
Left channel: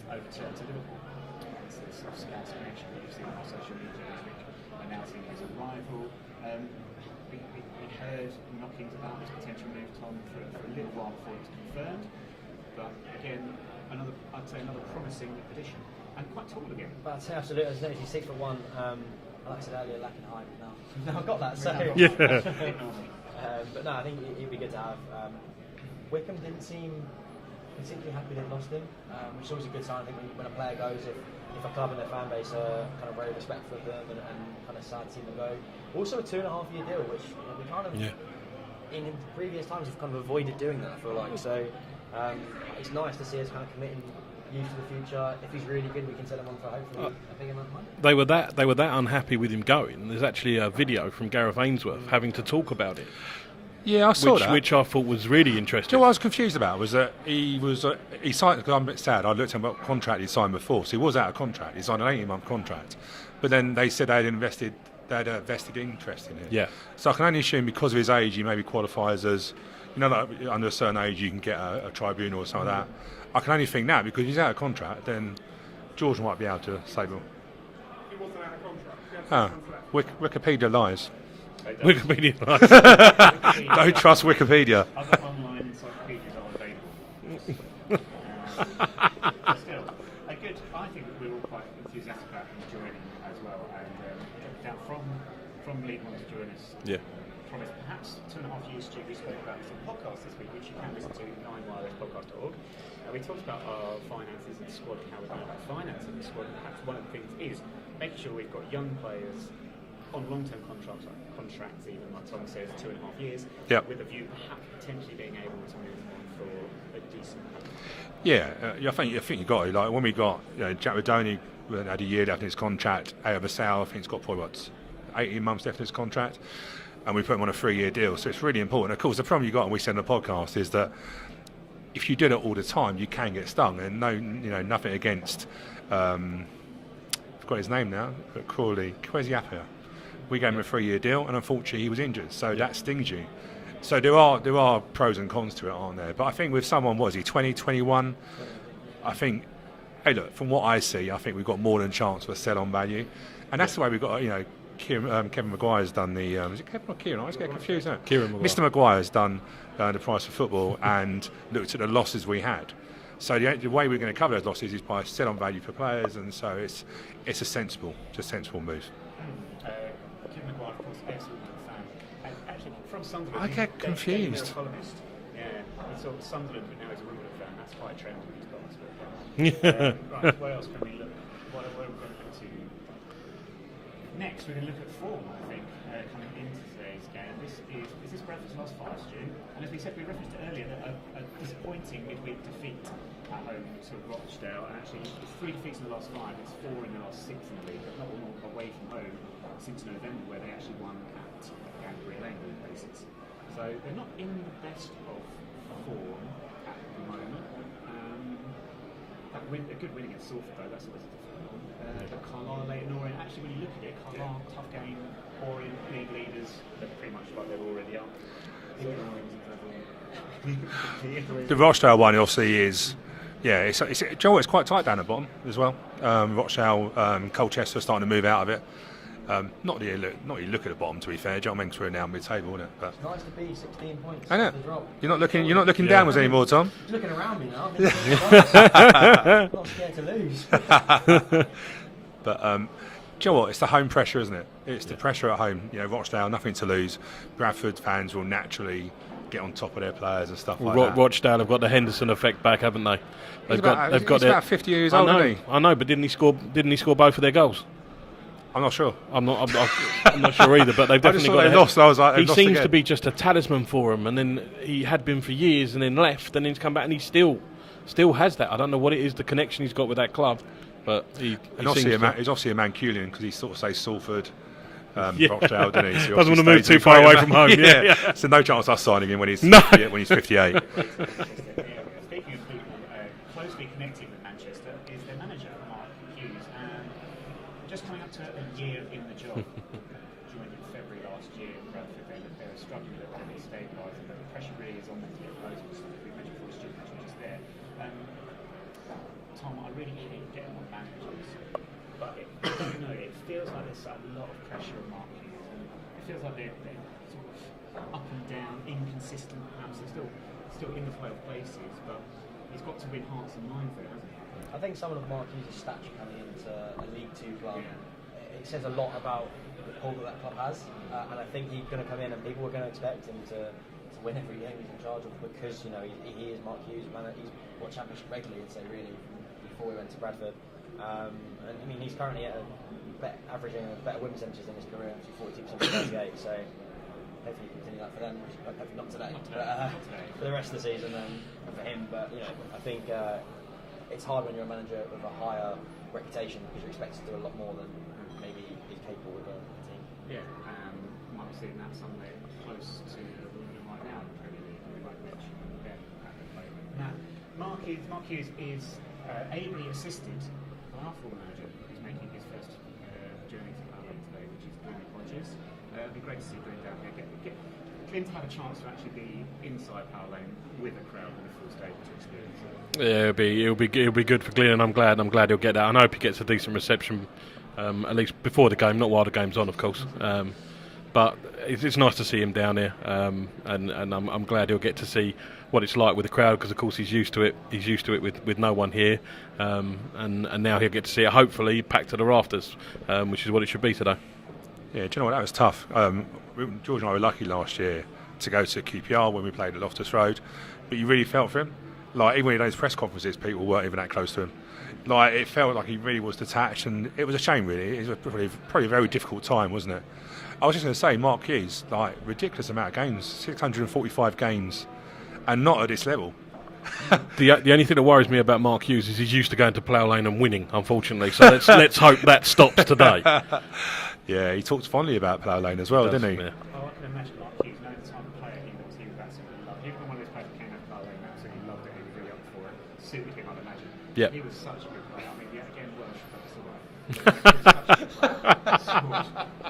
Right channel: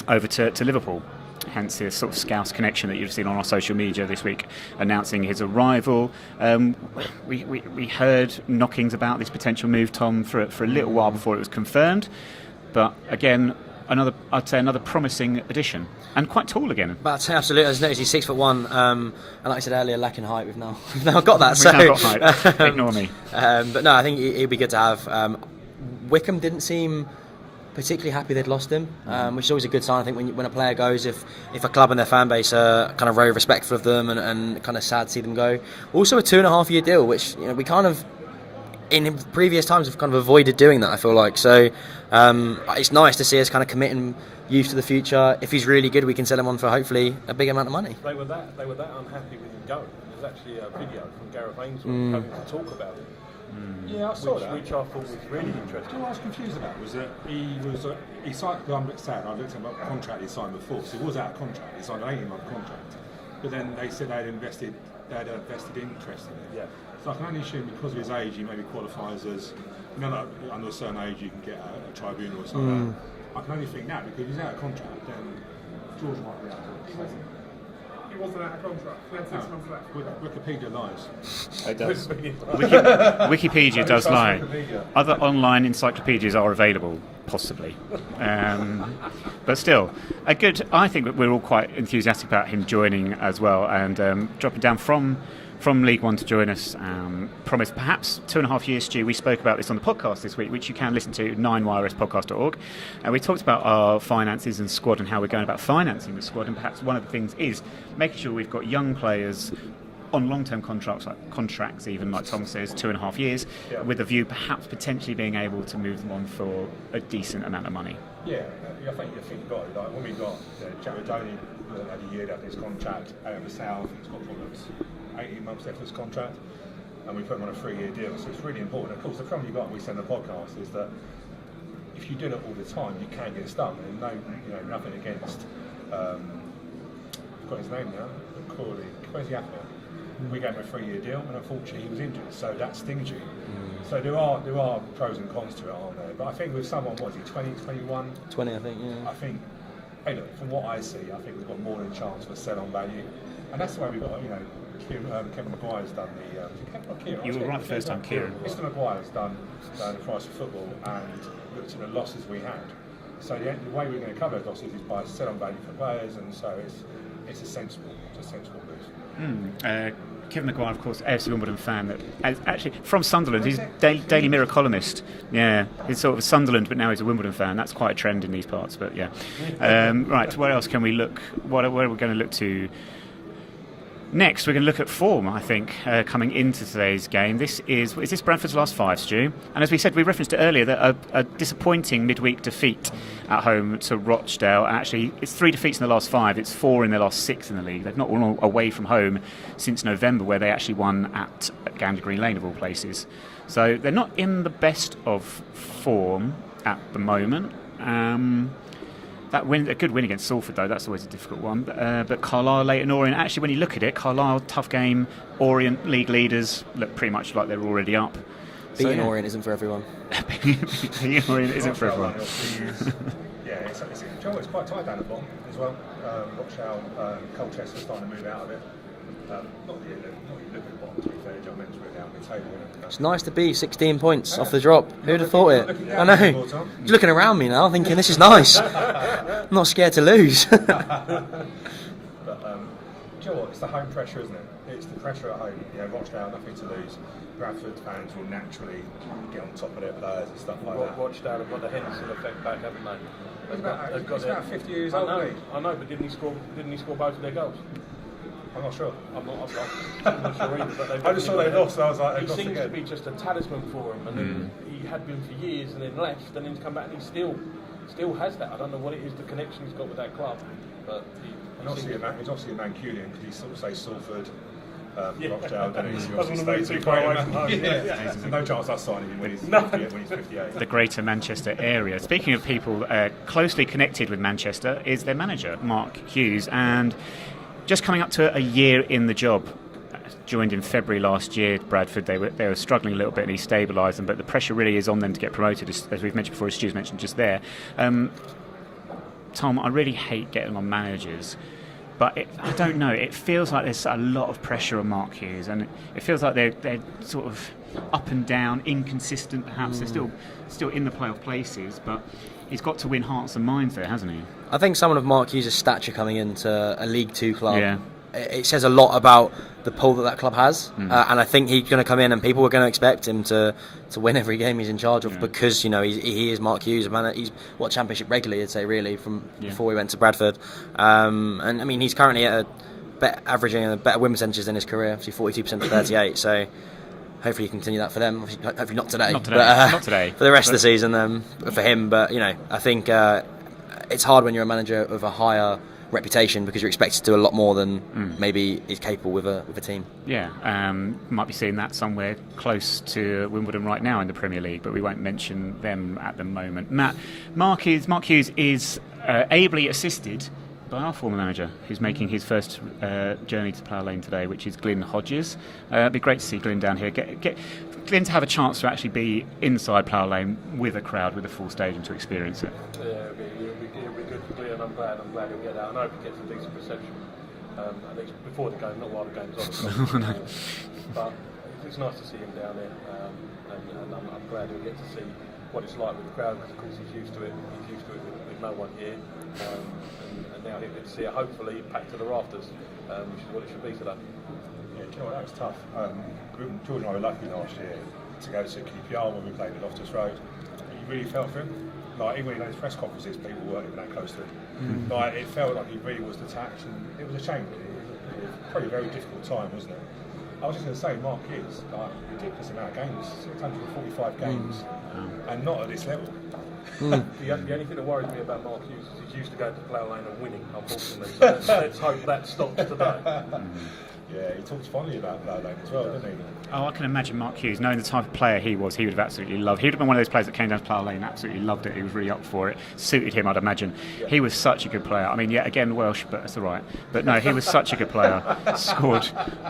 over to Liverpool. Hence the sort of Scouse connection that you've seen on our social media this week, announcing his arrival. We heard knockings about this potential move, Tom, for a little while before it was confirmed. But again, another promising addition, and quite tall again. But absolutely, as noticed, he's 6'1", and like I said earlier, lacking height. We've now got that. We've now got height. Ignore me. But no, I think it'd be good to have. Wycombe didn't seem particularly happy they'd lost him, which is always a good sign. I think when a player goes, if a club and their fan base are kind of very respectful of them and kind of sad to see them go. Also a 2.5-year deal, which we kind of in previous times have kind of avoided doing that, I feel like. So it's nice to see us kind of committing youth to the future. If he's really good, we can sell him on for hopefully a big amount of money. They were that unhappy with him going. There's actually a video from Gareth Ainsworth having to talk about it. Yeah, I saw that. Which I thought was really interesting. Do you know what I was confused about was that he signed, because I'm a bit sad, I looked at what contract he signed before, so he was out of contract. He signed an 18-month contract. But then they said they had a vested interest in it. Yeah. So I can only assume because of his age, he maybe qualifies as, that under a certain age you can get a tribunal or something like that. I can only think now, because he's out of contract, then George might be able to save him. He wasn't out of contract. He had 6 months left. Wikipedia lies. Wikipedia Don't does trust lie. Wikipedia. Other online encyclopedias are available, possibly. But still, I think that we're all quite enthusiastic about him joining as well, and dropping down from League One to join us. Promised perhaps 2.5 years, Stu. We spoke about this on the podcast this week, which you can listen to, 9yrsPodcast.org. And we talked about our finances and squad and how we're going about financing the squad. And perhaps one of the things is making sure we've got young players on long-term contracts, even like Tom says, 2.5 years, with a view perhaps potentially being able to move them on for a decent amount of money. Yeah, I think you got it. Like when we got Jack Rodoni had a year left in his contract. Basal, I think he's got probably 18 months left in his contract, and we put him on a 3-year deal. So it's really important. Of course, the problem you got, and we said on the podcast, is that if you do it all the time, you can get stung. And nothing against. I've got his name now, but Crawley, Kwesi Appiah. We gave him a 3-year deal, and unfortunately he was injured, so that stings you. So there are pros and cons to it, aren't there? But I think with someone, what is he, 20, 21? 20, I think. Yeah. I think, hey, look, from what I see, I think we've got more than a chance for sell-on value, and that's the way we've got. Kevin Maguire's done the. Was it Kevin or Kieran? You were right first time. Mr. Maguire's done the price of football and looked at the losses we had. So the way we're going to cover those losses is by sell-on value for players, and so it's a sensible move. Kevin Maguire, of course, AFC Wimbledon fan, that actually from Sunderland. He's a confused? Daily Mirror columnist. Yeah, he's sort of Sunderland, but now he's a Wimbledon fan. That's quite a trend in these parts. But yeah, right. Where else can we look? Where are we going to look to? Next, we're going to look at form, I think, coming into today's game. Is this Bradford's last 5, Stu? And as we said, we referenced it earlier, that a disappointing midweek defeat at home to Rochdale. Actually, it's 3 defeats in the last 5. It's 4 in the last 6 in the league. They've not won away from home since November, where they actually won at Gander Green Lane, of all places. So they're not in the best of form at the moment. A good win against Salford, though, that's always a difficult one. But Carlisle, Leyton Orient, actually, when you look at it, Carlisle, tough game. Orient, league leaders, look pretty much like they're already up. Beating Orient isn't for everyone. The Rochdale one, obviously, is... Yeah, it's quite tight down the bottom as well. Rochdale, Colchester starting to move out of it. Not you look at the bottom, to be fair. John Menks were now mid-table, isn't it? It's nice to be 16 points off the drop. You're not looking down anymore, Tom. You're looking around me now, thinking this is nice. I'm not scared to lose. But do you know what? It's the home pressure, isn't it? It's the pressure at home. Rochdale, nothing to lose. Bradford fans will naturally get on top of their players and stuff like that. Rochdale have got the Henderson effect back, haven't they? He's about 50 years old, isn't he? I know, but didn't he score both of their goals? I'm not sure. I'm not sure either, but they've definitely got. They lost. I was like, he seems to be just a talisman for him, and then he had been for years, and then left, and then he's come back, and he still has that. I don't know what it is, the connection he's got with that club, but he's obviously a Mancunian, because he sort of says Salford, Rochdale, doesn't he? So doesn't want to move too far away from home. Yeah. So no chance of us signing him when he's 58. The Greater Manchester area. Speaking of people closely connected with Manchester, is their manager Mark Hughes, and just coming up to a year in the job. Joined in February last year, Bradford. They were struggling a little bit, and he stabilised them. But the pressure really is on them to get promoted, as we've mentioned before, as Stu's mentioned just there. Tom, I really hate getting on managers, but I don't know. It feels like there's a lot of pressure on Mark Hughes, and it feels like they're sort of up and down, inconsistent. Perhaps they're still in the playoff places, but he's got to win hearts and minds there, hasn't he? I think someone of Mark Hughes' stature coming into a League Two club, it says a lot about the pull that club has, and I think he's going to come in and people are going to expect him to win every game he's in charge of, because he is Mark Hughes, a man. He's Championship regularly, I'd say, really, from before he went to Bradford, and I mean he's currently at averaging a better win percentages than his career, obviously 42% to 38. So hopefully you continue that for them. Hopefully not today, not today, for the rest of the season for him. But I think it's hard when you're a manager of a higher reputation, because you're expected to do a lot more than maybe is capable with a team. Yeah, might be seeing that somewhere close to Wimbledon right now in the Premier League, but we won't mention them at the moment. Matt, Mark Hughes is ably assisted by our former manager, who's making his first journey to Plough Lane today, which is Glyn Hodges. It'd be great to see Glyn down here. Get Glyn to have a chance to actually be inside Plough Lane with a crowd, with a full stadium, to experience it. Yeah, it'll be good for Glyn, and I'm glad he'll get that. I hope he gets a decent reception, at least before the game, not while the game's on, of course. But it's nice to see him down here, and I'm glad he'll get to see what it's like with the crowd, because of course he's used to it. He's used to it with no one here, and now he'll get to see it, hopefully packed to the rafters, which is what it should be today. Yeah, do you know what, that was tough. George and I were lucky last year to go to QPR when we played at Loftus Road, but you really felt for him. Like, even in those press conferences, people weren't even that close to him. Like, it felt like he really was detached, and it was a shame, really. It was probably a very difficult time, wasn't it? I was just going to say, Mark Hughes, like, ridiculous amount of games, 645 games, and not at this level. The only thing that worries me about Mark Hughes is he's used to going to Plough Lane and winning, unfortunately. So let's hope that stops today. Yeah, he talked fondly about Plough Lane as well, didn't he? Yeah. Oh, I can imagine Mark Hughes, knowing the type of player he was, he would have absolutely loved. He would have been one of those players that came down to Plough Lane, absolutely loved it. He was really up for it. Suited him, I'd imagine. Yeah. He was such a good player. I mean, again, Welsh, but that's all right. But no, he was such a good player. Scored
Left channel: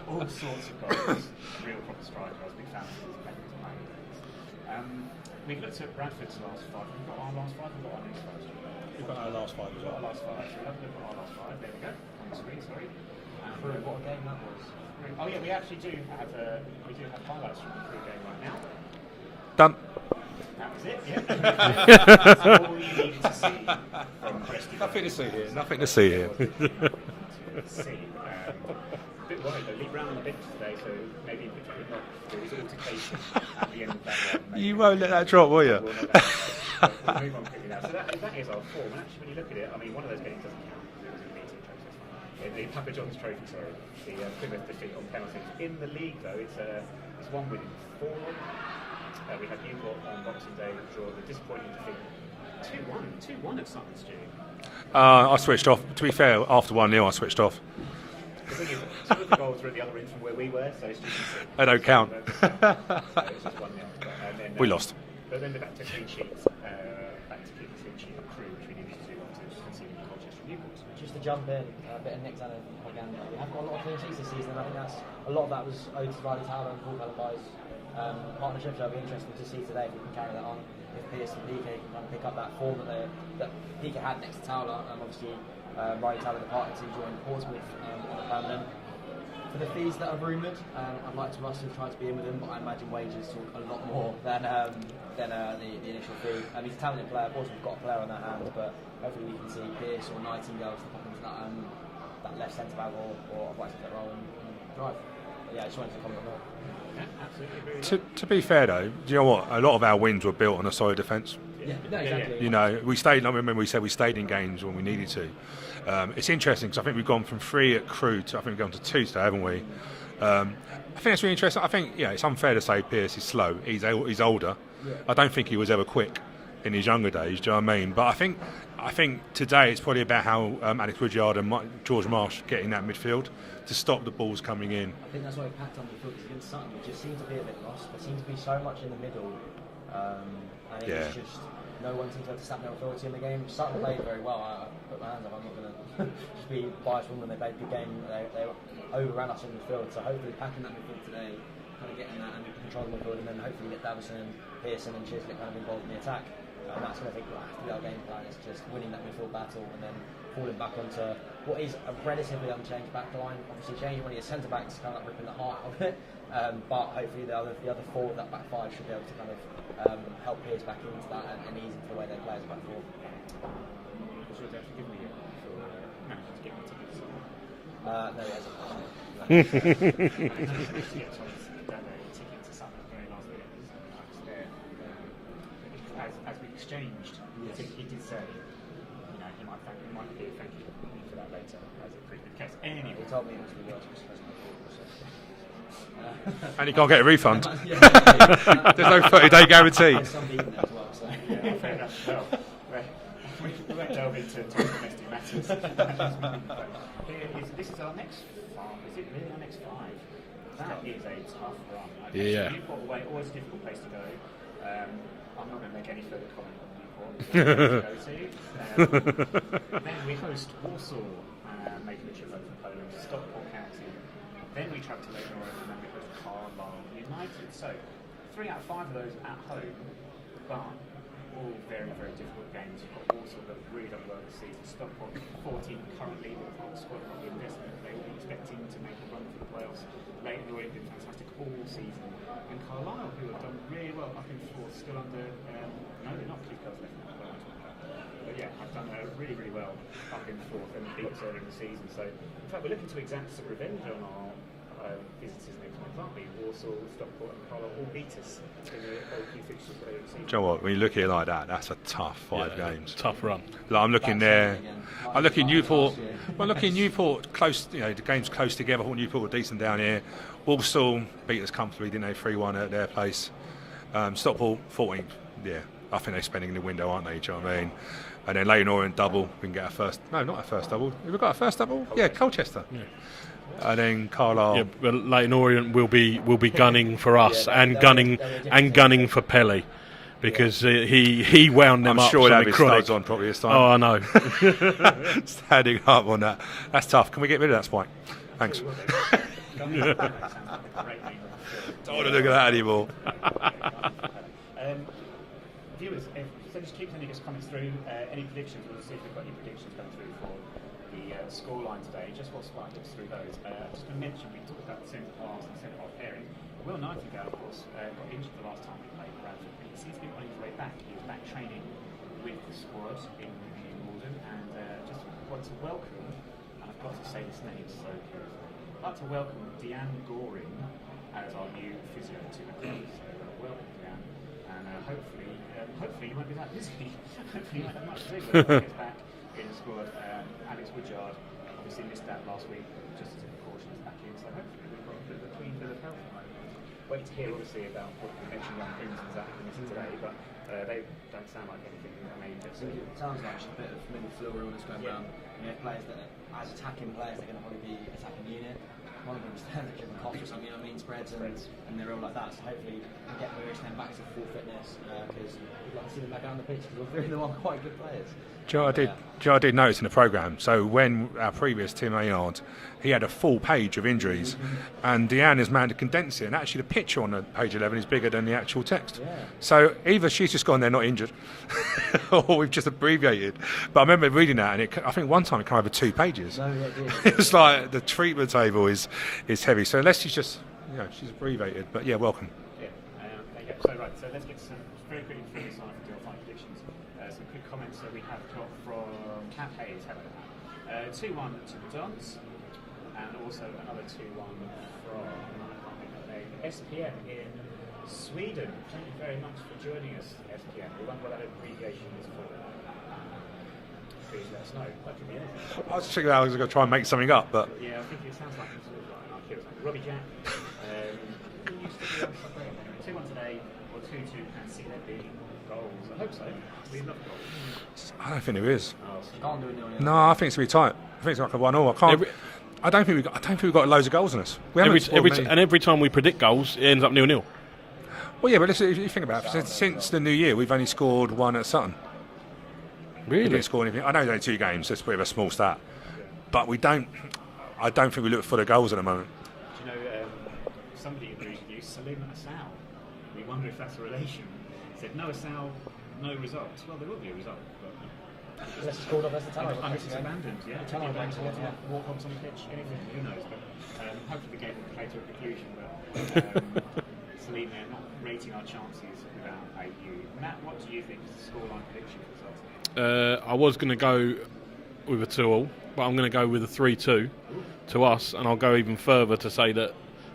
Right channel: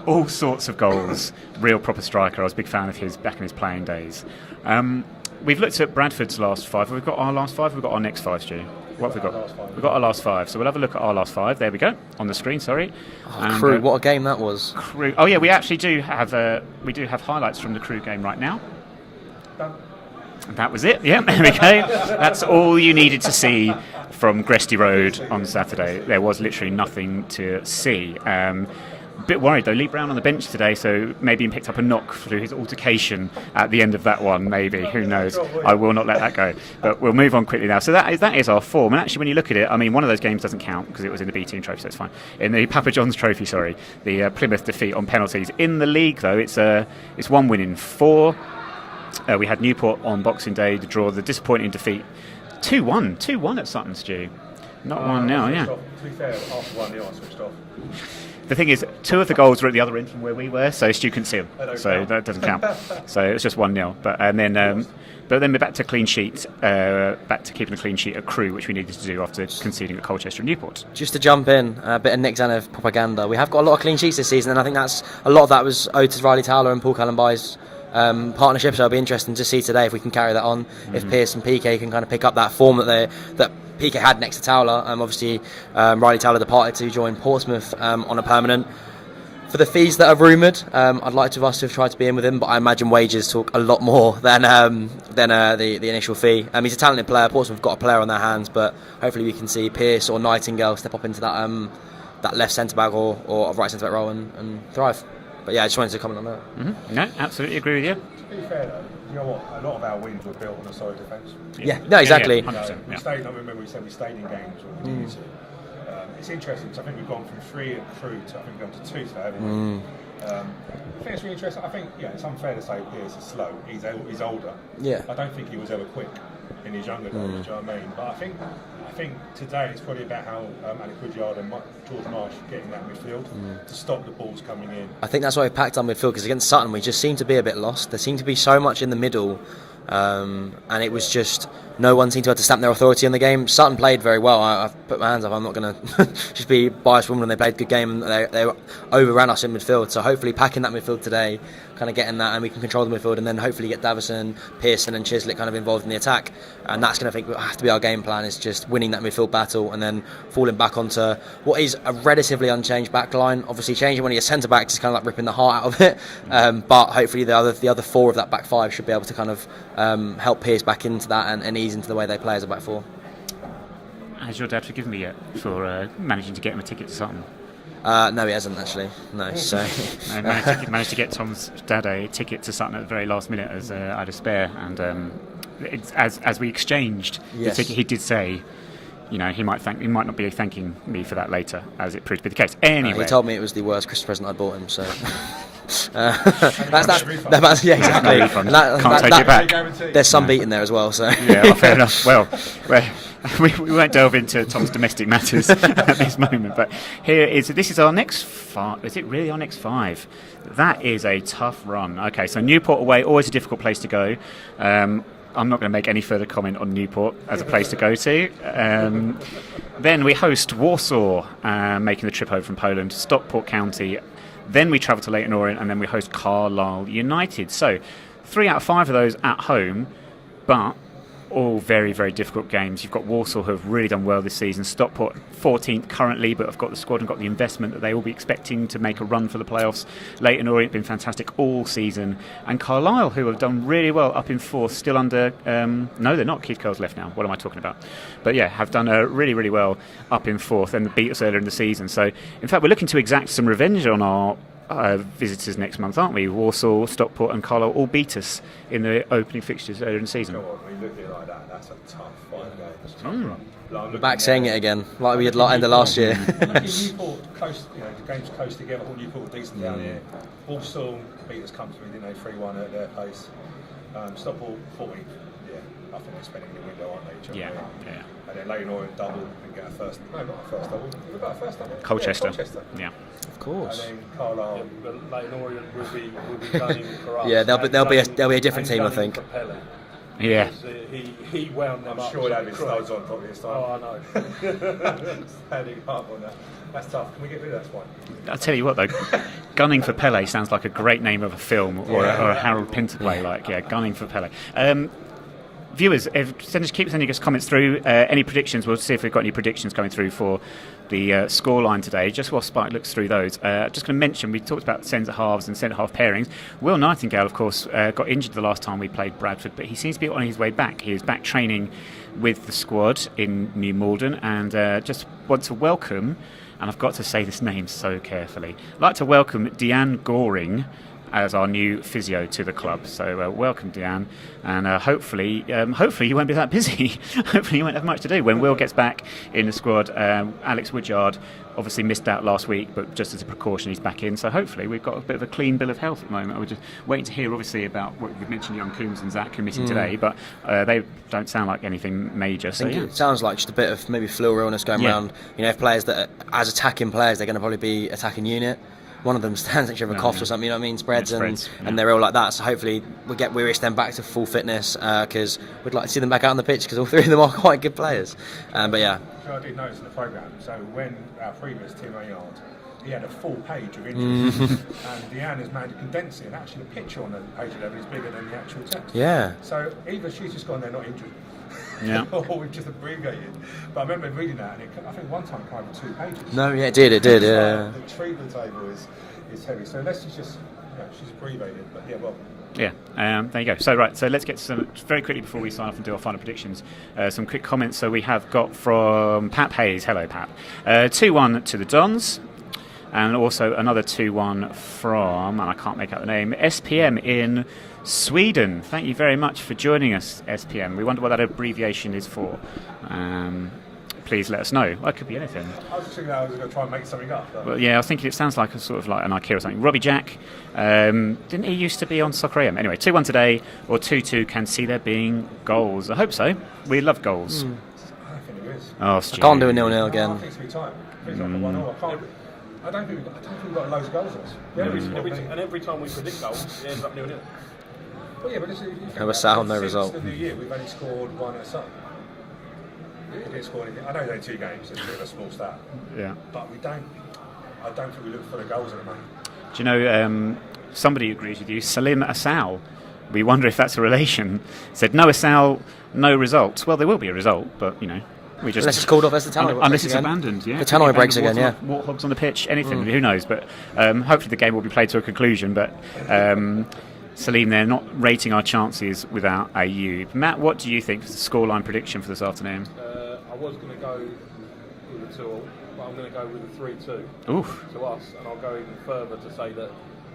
all sorts of goals. Real proper striker. I was a big fan of his back in his playing days. We've looked at Bradford's last five. We've got our last five. We've got our next five, Stu. What have we got? We've got our last five. So we'll have a look at our last five. There we go, on the screen. Sorry. Crew, what a game that was. Crew. Oh yeah, we actually do have highlights from the Crew game right now. Done. That was it. Yeah, there we go. That's all you needed to see from Gresty Road on Saturday. There was literally nothing to see. Bit worried though. Lee Brown on the bench today, so maybe he picked up a knock through his altercation at the end of that one. Maybe, who knows? I will not let that go. But we'll move on quickly now. So that is our form. And actually, when you look at it, I mean, one of those games doesn't count because it was in the B Team Trophy, so it's fine. In the Papa John's Trophy, sorry, the Plymouth defeat on penalties. In the league, though, it's one win in four. We had Newport on Boxing Day to draw the disappointing defeat, 2-1 at Sutton, Stu. I switched off. To be fair, after 1-0, I switched off. The thing is, two of the goals were at the other end from where we were, so Stu couldn't see them. That doesn't count. So it was just 1-0. But then we're back to clean sheet, back to keeping a clean sheet at Crew, which we needed to do after conceding at Colchester and Newport. Just to jump in, a bit of Nick Zanev propaganda. We have got a lot of clean sheets this season, and I think a lot of that was owed to Riley Towler and Paul Callenby's partnership. So it'll be interesting to see today if we can carry that on. If Pearce and PK can kind of pick up that form that PK had next to Towler. Obviously, Riley Towler departed to join Portsmouth on a permanent. For the fees that are rumoured, I'd like us to have tried to be in with him, but I imagine wages talk a lot more than the initial fee. He's a talented player. Portsmouth have got a player on their hands, but hopefully we can see Pearce or Nightingale step up into that left centre back or right centre back role and thrive. But yeah, I just wanted to comment on that. Mm-hmm. No, absolutely agree with you. To be fair though, do you know what? A lot of our wins were built on a solid defence. Yeah, no, exactly. We stayed. I remember we said we stayed in games when we needed to. It's interesting because I think we've gone from 3 at Crew to I think we've gone to 2 today, haven't we? I think it's really interesting. I think it's unfair to say Pearce is slow. He's older. Yeah. I don't think he was ever quick in his younger days. Do you know what I mean? But I think today it's probably about how Alex Woodyard and George Marsh getting that midfield to stop the balls coming in. I think that's why we packed our midfield, because against Sutton we just seemed to be a bit lost. There seemed to be so much in the middle, and it was just no one seemed to have to stamp their authority on the game. Sutton played very well. I've put my hands up. I'm not going to just be biased when they played a good game. They overran us in midfield. So hopefully packing that midfield today, kind of getting that, and we can control the midfield, and then hopefully get Davison, Pearson and Chislett kind of involved in the attack. And that's going to have to be our game plan, is just winning that midfield battle and then falling back onto what is a relatively unchanged back line. Obviously changing when you're centre back is kind of like ripping the heart out of it, but hopefully the other 4 of that back 5 should be able to kind of help Pearce back into that and ease into the way they play as a back 4. Has your dad forgiven me yet for managing to get him a ticket to Sutton? No, he hasn't actually. No. So And managed to get Tom's dad a ticket to Sutton at the very last minute as out of spare, and as we exchanged Yes. the ticket, he did say, he might not be thanking me for that later, as it proved to be the case. Anyway, he told me it was the worst Christmas present I bought him. So. And you can't get a refund. Yeah, exactly. Can't take it back. Guarantee. There's some beating there as well. So. Yeah, fair enough. Well, we won't delve into Tom's domestic matters at this moment, but this is our next 5. Is it really our next 5? That is a tough run. Okay, so Newport away, always a difficult place to go. I'm not going to make any further comment on Newport as a place to go to. Then we host Warsaw, making the trip over from Poland, Stockport County. Then we travel to Leyton Orient, and then we host Carlisle United. So 3 out of 5 of those at home, but all very, very difficult games. You've got Walsall, who have really done well this season. Stockport 14th currently, but have got the squad and got the investment that they will be expecting to make a run for the playoffs. Leyton Orient been fantastic all season, and Carlisle, who have done really well up in 4th, still under. No, they're not. Keith Curle's left now. What am I talking about? But yeah, have done really, really well up in 4th and beat us earlier in the season. So in fact, we're looking to exact some revenge on our visitors next month, aren't we? Warsaw, Stockport and Carlisle all beat us in the opening fixtures earlier in the season. You know what? When you look at it like that, that's a tough 5 games. Tough run. Like, I'm looking Back saying it again, like we did looking in the last year. Well, look, in Newport, close. The game's close together. I thought Newport were decent down here. Walsall beat us comfortably, didn't they? 3-1 at their place. Stockport 14th. Yeah, I think they're spending the window, aren't they? Do you know what I mean? Yeah. And then Leyton Orient double. We can get our first. No, not our first double. Have we got our first double? Colchester. Yeah, Colchester. Yeah. Of course. And then Carlisle. Yeah, but Leyton Orient will be gunning for us. Yeah, they'll be a different team, I gunning think. for Pele. Because he wound them I'm up. sure he'll have his chronic. studs on probably this time. Oh, I know. Standing up on that. That's tough. Can we get rid of that spike? I'll tell you what though, Gunning for Pele sounds like a great name of a film or a Harold Pinter play. Gunning for Pele. Viewers, keep sending us comments through. Any predictions? We'll see if we've got any predictions coming through for the scoreline today. Just while Spike looks through those, just going to mention we talked about centre halves and centre half pairings. Will Nightingale, of course, got injured the last time we played Bradford, but he seems to be on his way back. He is back training with the squad in New Malden, and just want to welcome, and I've got to say this name so carefully, I'd like to welcome Deanne Goring as our new physio to the club. So welcome, Deanne, and hopefully you won't be that busy. Hopefully you won't have much to do when Will gets back in the squad. Alex Woodyard obviously missed out last week, but just as a precaution he's back in, so hopefully we've got a bit of a clean bill of health at the moment. We're just waiting to hear obviously about what we've mentioned, young Coombs and Zach committing today, but they don't sound like anything major. So It sounds like just a bit of maybe flu or illness going around. If players that are, as attacking players, they're going to probably be attacking unit. One of them stands next to a cough or something, you know what I mean, spreads. And they're all like that. So hopefully we wish them back to full fitness, because we'd like to see them back out on the pitch, because all 3 of them are quite good players. I did notice in the programme, so when our previous Tim Maynard, he had a full page of injuries, and Deanne has managed to condense it, and actually the picture on the page 11 is bigger than the actual text. Yeah. So either she's just gone there not injured, or we've just abbreviated. But I remember reading that, and I think one time it came over 2 pages. No, yeah, it did. It's like the treatment table is heavy. So unless she's just, she's abbreviated. But yeah, welcome. Yeah, there you go. So let's get to some, very quickly before we sign off and do our final predictions, some quick comments. So we have got from Pat Hayes. Hello, Pat. 2-1 to the Dons. And also another 2-1 from, and I can't make out the name, SPM in Sweden. Thank you very much for joining us, SPM. We wonder what that abbreviation is for. Please let us know. Well, it could be anything. I was just thinking I was going to try and make something up. But well, yeah, I was thinking it sounds like a sort of like an IKEA or something. Robbie Jack, didn't he used to be on Soccer AM? Anyway, 2-1 today, or 2-2, can see there being goals. I hope so. We love goals. I don't think there is. Oh, I can't do a 0-0 again. I think it's going to be tight. I think it's like a 1-0. I don't think we've got loads of goals in us. Every time we predict goals, it ends up 0-0. Well, yeah, but if you think about it, since the new year, we've only scored 1 at Sutton. Really? We didn't score anything. I know it's only 2 games, so it's a bit of a small stat. Yeah. But I don't think we look for the goals at the moment. Do you know, somebody agrees with you, Salim Asal. We wonder if that's a relation. Said, no Asal, no results. Well, there will be a result, but, we just... Unless it's called off as the tannoy. Unless it's abandoned, yeah. The tannoy breaks again, yeah. Warthogs on the pitch, anything, who knows. But hopefully the game will be played to a conclusion. But Salim, they're not rating our chances without a U. Matt, what do you think is the scoreline prediction for this afternoon? I was going to go with a 2-2. but I'm going to go with a 3-2 to us, and I'll go even further to say that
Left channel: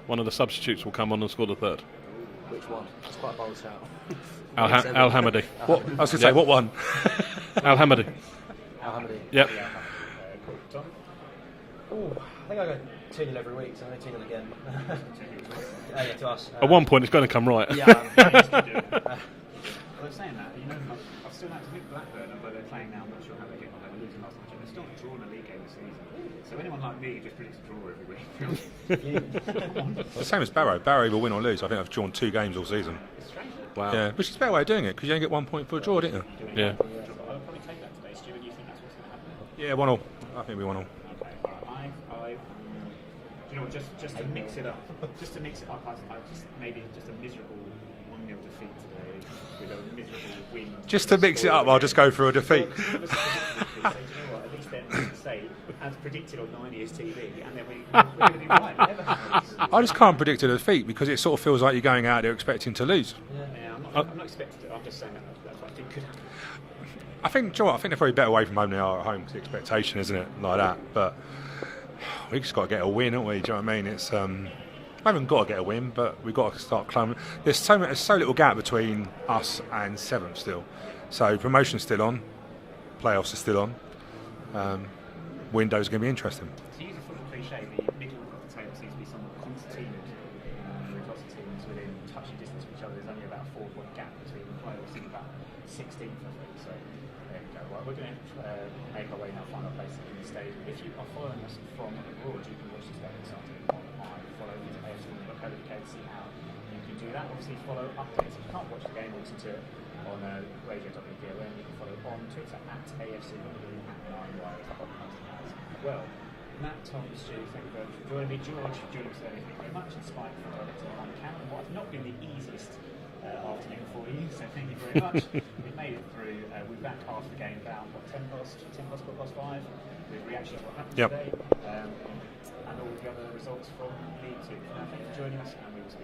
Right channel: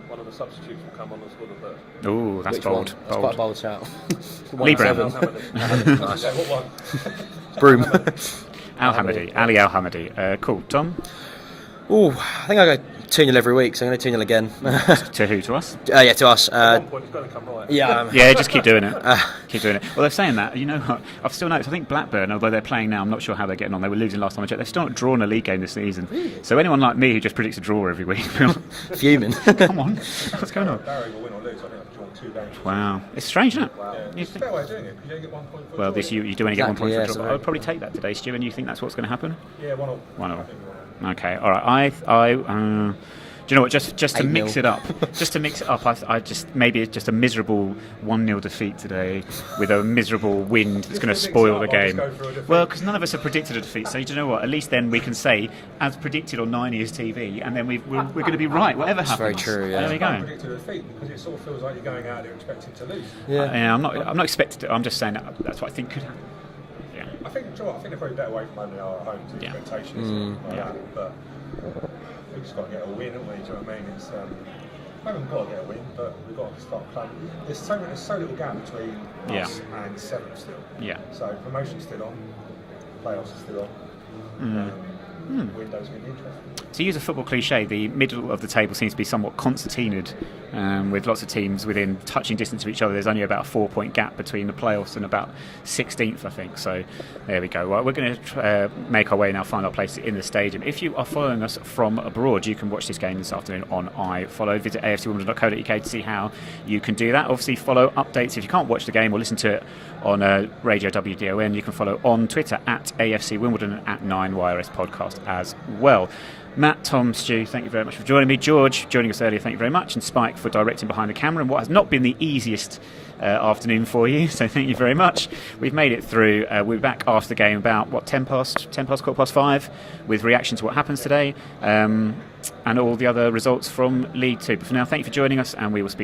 one of the substitutes will come on and score the third. Oh, that's Which bold. one? That's quite a bold shout. Al Hamadi. I was going to say, what one? Al Hamadi. Al Hamadi. Ali Al Hamadi. Cool. Tom? Ooh, I think I go 2-0 every week, so I'm going to 2-0 again. To who? To us? Yeah, to us. At one point, it's going to come right. Yeah, Yeah, just keep doing it. Keep doing it. Well, they're saying that. You know, I've still noticed. I think Blackburn, although they're playing now, I'm not sure how they're getting on. They were losing last time I checked. They've still not drawn a league game this season. So anyone like me who just predicts a draw every week, fuming. come on. Same as Cameron. Barry will win or lose. I think I've drawn 2 games all Wow, season. it's strange, isn't it? Wow. Yeah, it's a fair way of doing it because you only get 1 point for a Well, draw. this, don't you do only get 1 point Exactly, for a yeah, draw. so- I'd probably take that today, Stu. And you think that's what's going to happen? Yeah, 1-1. 1-1. I think we 1-1. Okay, all right. Do you know what? Just to 8-0. mix it up, I just maybe it's just a miserable 1-0 defeat today with a miserable wind. Just going to to mix it spoil up, the game. I'll just go for a defeat. Well, because none of us have predicted a defeat, so do you know what? At least then we can say, as predicted on 9yrsTV, and then we're going to be right, whatever happens. Very true. I Yeah. just can't predict a defeat because it sort of feels like you're going out there expecting to lose. Yeah, I'm not expecting to. I'm just saying that's what I think could happen. Yeah. I think, do you know what, I think they're probably better away from home than they are at home. It's the Yeah. expectation, isn't it? Like that. But we've just got to get a win, haven't we? Do you know what I mean? It's I haven't got to get a win, but we've got to start climbing. There's so little gap between us and 7th still. Yeah. So promotion's still on, playoffs are still on. Window's going to be interesting. To use a football cliche, the middle of the table seems to be somewhat concertinaed, with lots of teams within touching distance of each other. There's only about a 4-point gap between the playoffs and about 16th, I think. So there we go. Well, we're going to make our way now, find our place in the stadium. If you are following us from abroad, you can watch this game this afternoon on iFollow. Visit afcwimbledon.co.uk to see how you can do that. Obviously, follow updates. If you can't watch the game or listen to it on Radio WDON, you can follow on Twitter at AFC Wimbledon and at 9yrs Podcast as well. Matt, Tom, Stu, thank you very much for joining me. George, joining us earlier, thank you very much. And Spike for directing behind the camera and what has not been the easiest afternoon for you, so thank you very much. We've made it through. We'll be back after the game about, 10 past, 5, with reaction to what happens today and all the other results from League 2. But for now, thank you for joining us, and we will speak